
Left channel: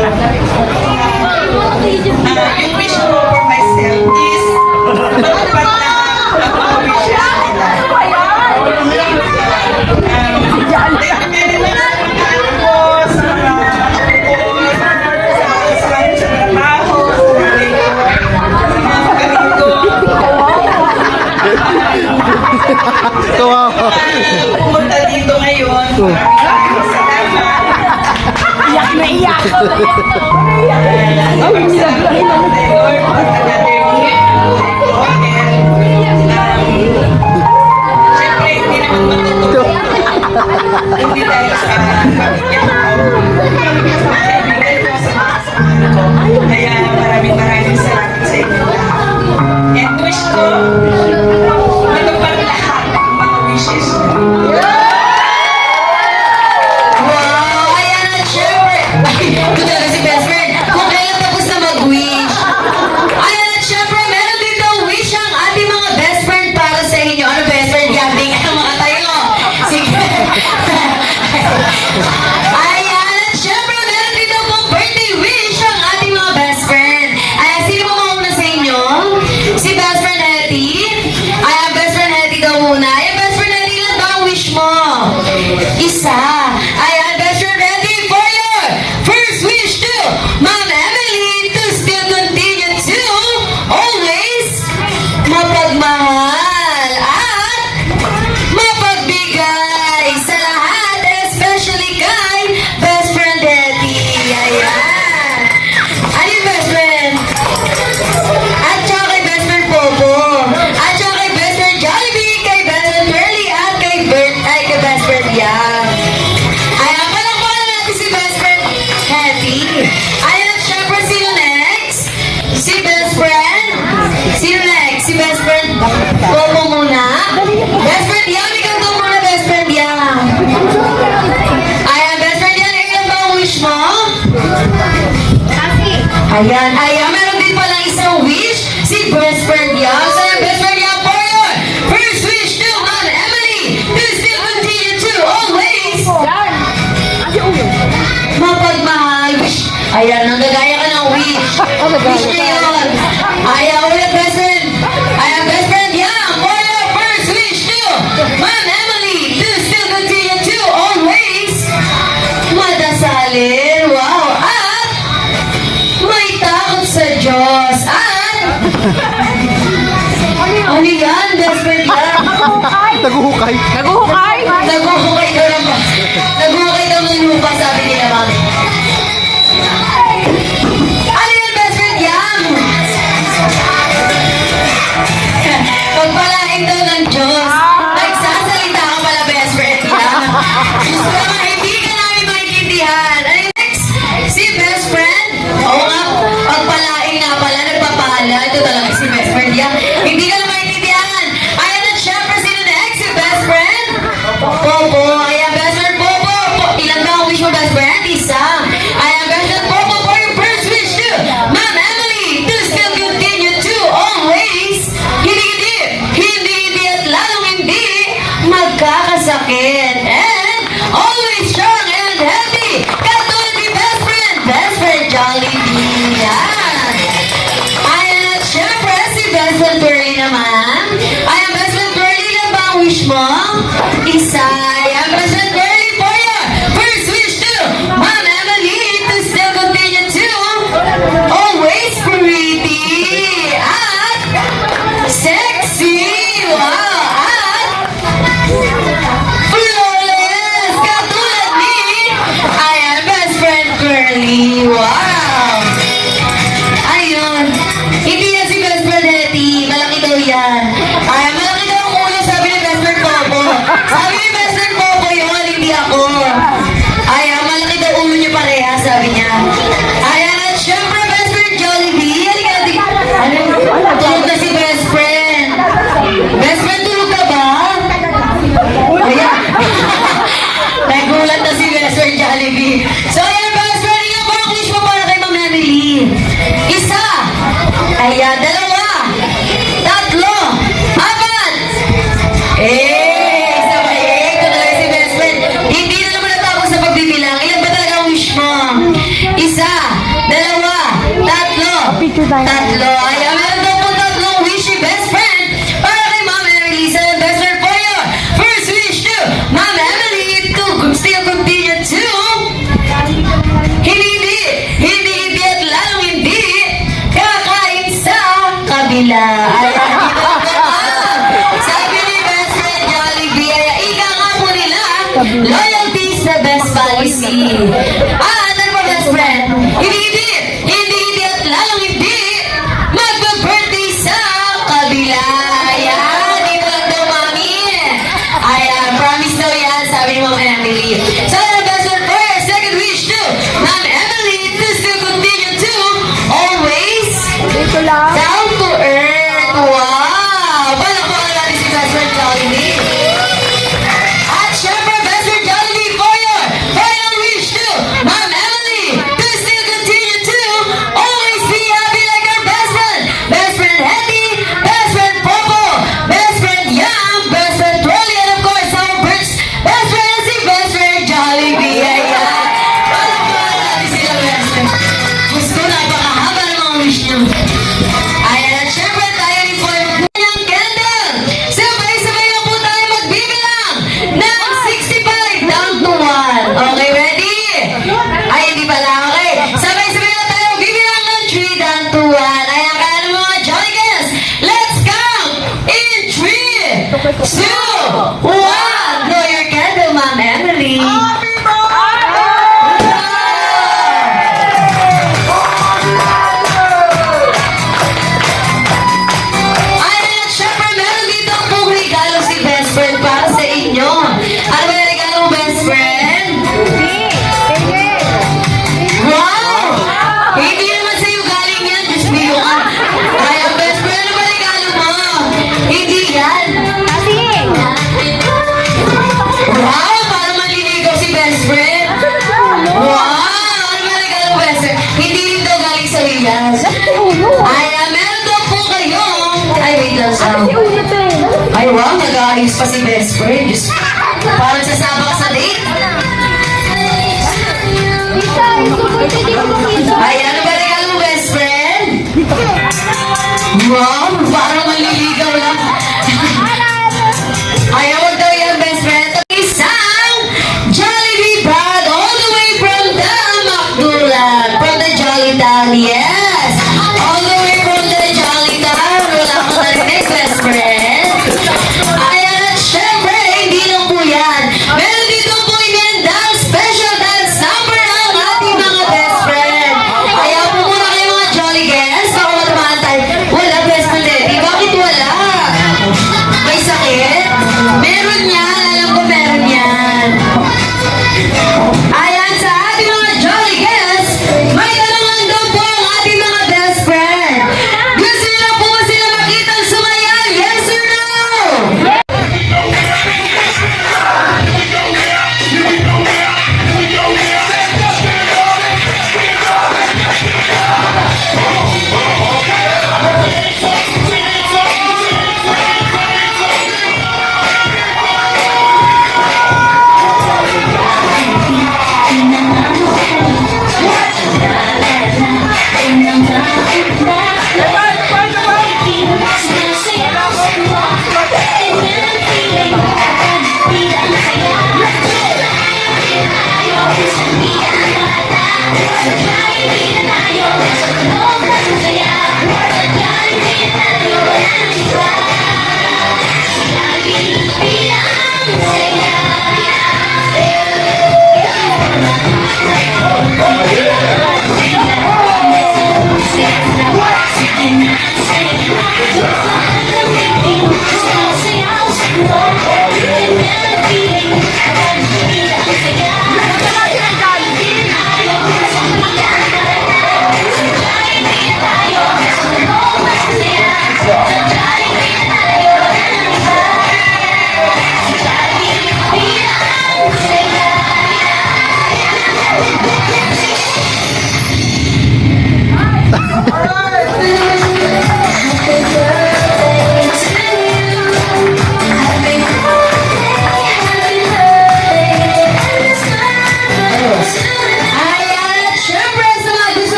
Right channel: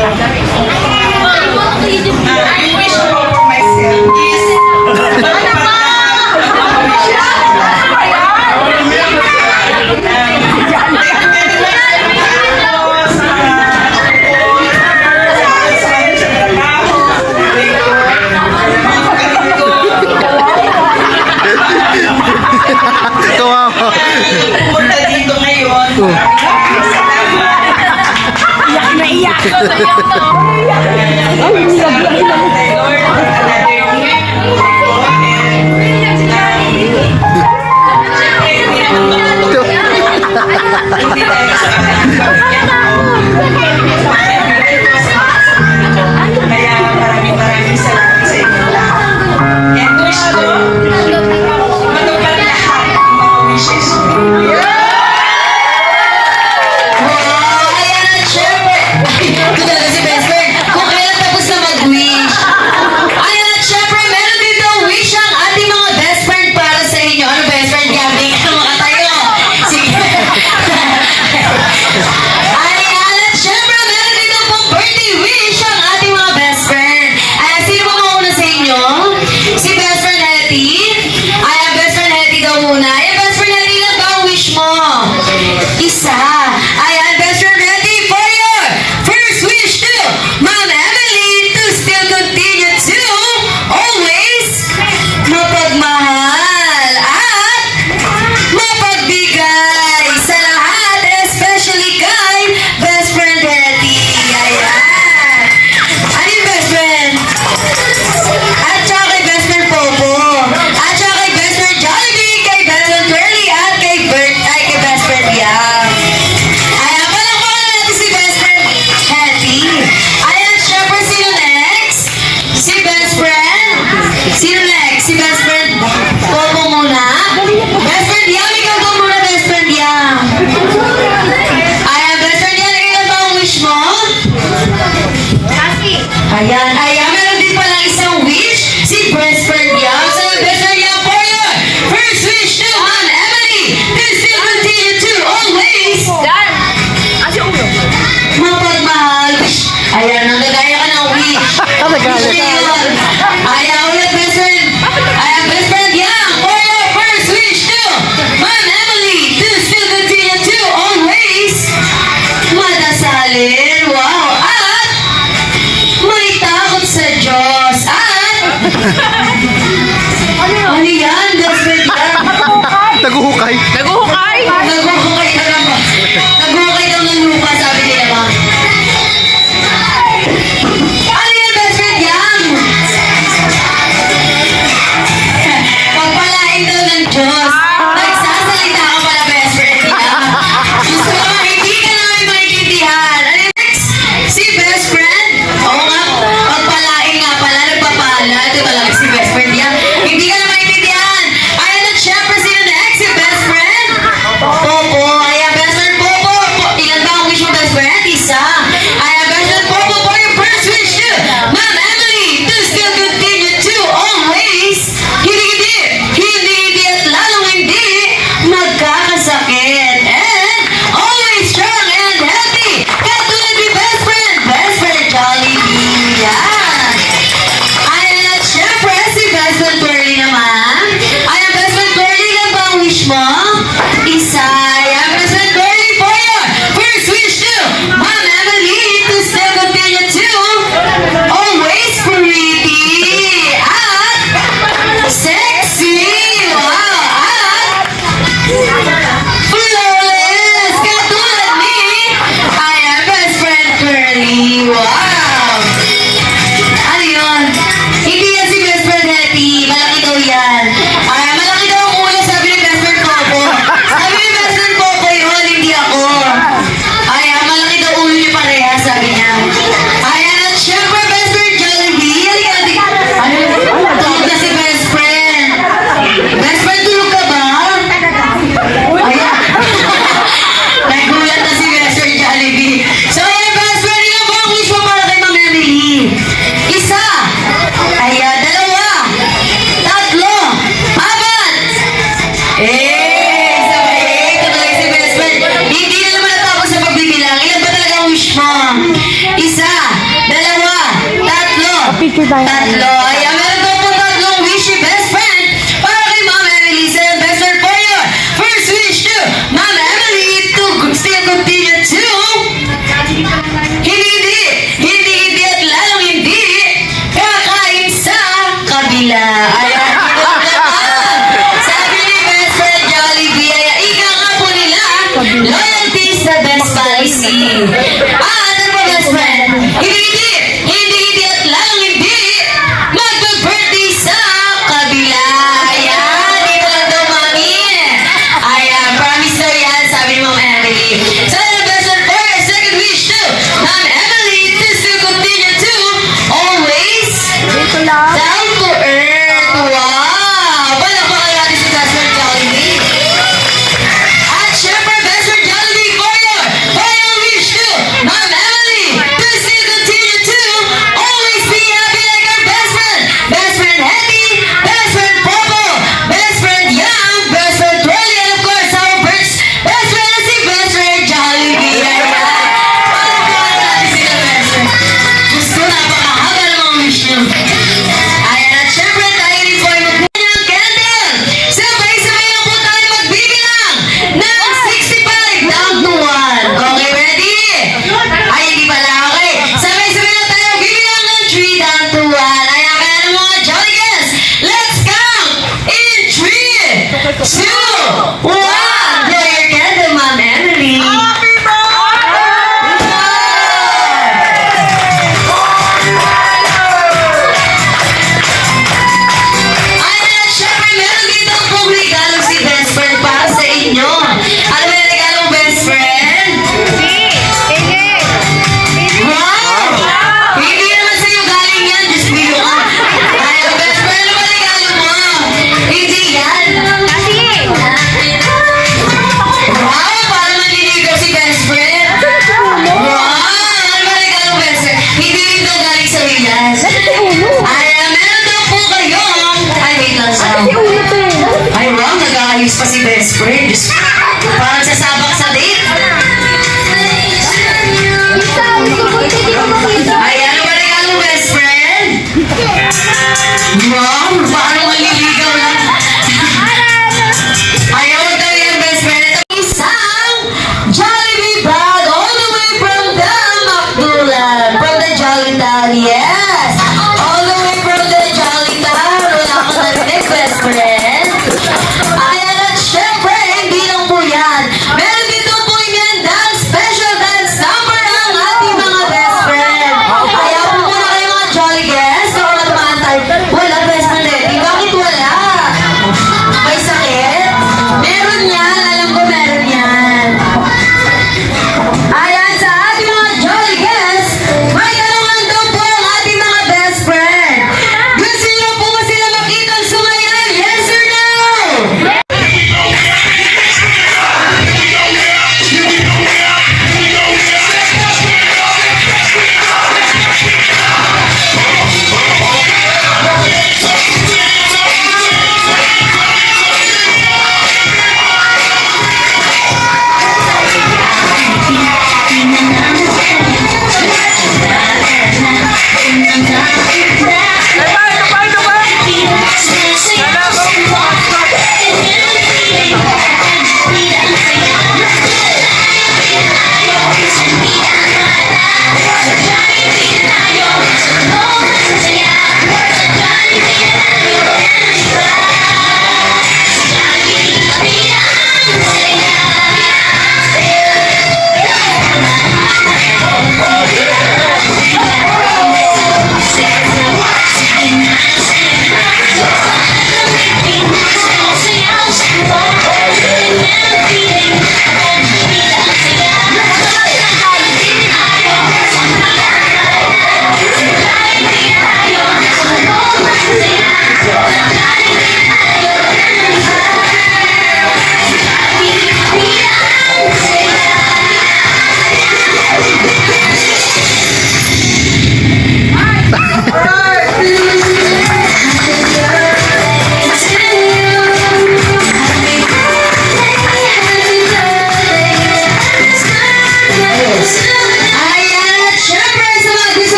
Yung wish ko for myself is matupad lahat ng mga wishes nila. Kawawa. Pumunta dito ngayon. Hindi dahil sa kaya maraming salamat sa inyo lahat. And wish ko, matupad lahat ng mga wishes ko. Wow! Ayan at syempre. Ito talaga si best friend. Kung kailan tapos na mag-wish. Ayan at syempre, meron dito wish ang ating mga best friend para sa inyo. Ano best friend? Gabi ka makatayo. Sige. Ayan at syempre, meron dito pong birthday wish ang ating mga best friend. Ayan, sino ba mauna sa inyo? Si best friend Hetty. Ayan, best friend Hetty daw muna. Ayan, best friend Hetty, ilan ba ang wish mo? Isa. Ayan, best friend, ready for your first wish to Ma'am Emily to still continue to always mapagmahal at mapagbigay sa lahat, especially kay best friend Hetty. Ayan. Ano yung best friend? At saka kay best friend Popo. At saka kay best friend Jollibee, kay best friend Pearly, at kay best friend Yang. Ayan, palakpakan natin si best friend Hetty. Ayan, syempre, sino next? Si best friend? Sino next? Si best friend Popo muna? Best friend Yang, ikaw daw muna, best friend Yang. Ayan, best friend Yang, ilan ba ang wish mo? Ayan, meron din pala isang wish, si best friend Yang. So, best friend Yang for your first wish to Ma'am Emily to still continue to always mapagmahal. Ayan, nanggagaya ka ng wish. Wish niya yun. Ayan, ulit best friend. Ayan, best friend Yang for your first wish to Ma'am Emily to still continue to always madasalin. Wow! At may takot sa Diyos. At ano yan, best friend Yang? Naguhukay. Naguhukay? Naguhukay daw ng naguhukay daw ng lupa, sabi nila ba? Ano yan, best friend Yang? Pagpalain daw ng Diyos. Nagsasalita ka pala, best friend Yang. Gusto ka nga, hindi ka namin maintindihan. Ano yung next? Si best friend? Oo nga, pagpalain nga pala, nagpapala. Ito talaga si best friend Yang. Hindi ka na maintindihan. Ayan at syempre, sino next? Si best friend? Popo. Ayan, best friend Popo. Ilan ba ang wish mo, best friend? Isa. Ayan, best friend Popo, for your first wish to Ma'am Emily to still continue to always hindi at lalong hindi magkakasakit and Tatlo. Ayan, meron daw po tatlong wish your best friend. Para kay Ma'am Emily, sa best friend for you. First wish to Ma'am Emily to still continue to hindi at lalong hindi kakain sa kabila. Ayan, sabi ni best friend Jollibee, ay ika nga po nila, loyalty is the best policy. Ano po best friend? Hindi at lalong hindi mag-birthday sa kabila. Ayan, dito lang daw mami. Ayan, promise daw yan, sabi ni Ma'am Emily. So, the best friend for your second wish to Ma'am Emily is to continue to always down to earth. Wow! Palakpakan natin si best friend Jollibee. At syempre, best friend Jollibee for your final wish to Ma'am Emily to still continue to always be happy like our best friend. Best friend Hetty, best friend Popo, best friend Yang, best friend Trolly, and of course our first best friend si best friend Jollibee. Ayan. Palakpakan natin sila best friend. Gusto na ba mahaba ng mga wish niyo? Ayan, at syempre tayo rin po ay magbuhay ng candle. Sabay-sabay lang po tayo magbibilang ng 65 down to 1. Okay, ready? Ay, hindi pala. Okay. Sabay-sabay lang tayo magbibilang ng 3 down to 1. Ayan, kaya ng mga Jolly Guys, let's count in 3, 2, 1. Blow your candle, Ma'am Emily. Ayan, at syempre meron dito pong regalo si best friend para sa inyo. Ano yung regalo, best friend? Wow! Hindi naman sa'yo galing yan, just video ka. Ayan, best friend, ano ba regalo mo? Hindi yan.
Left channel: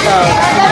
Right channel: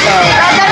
ikaw.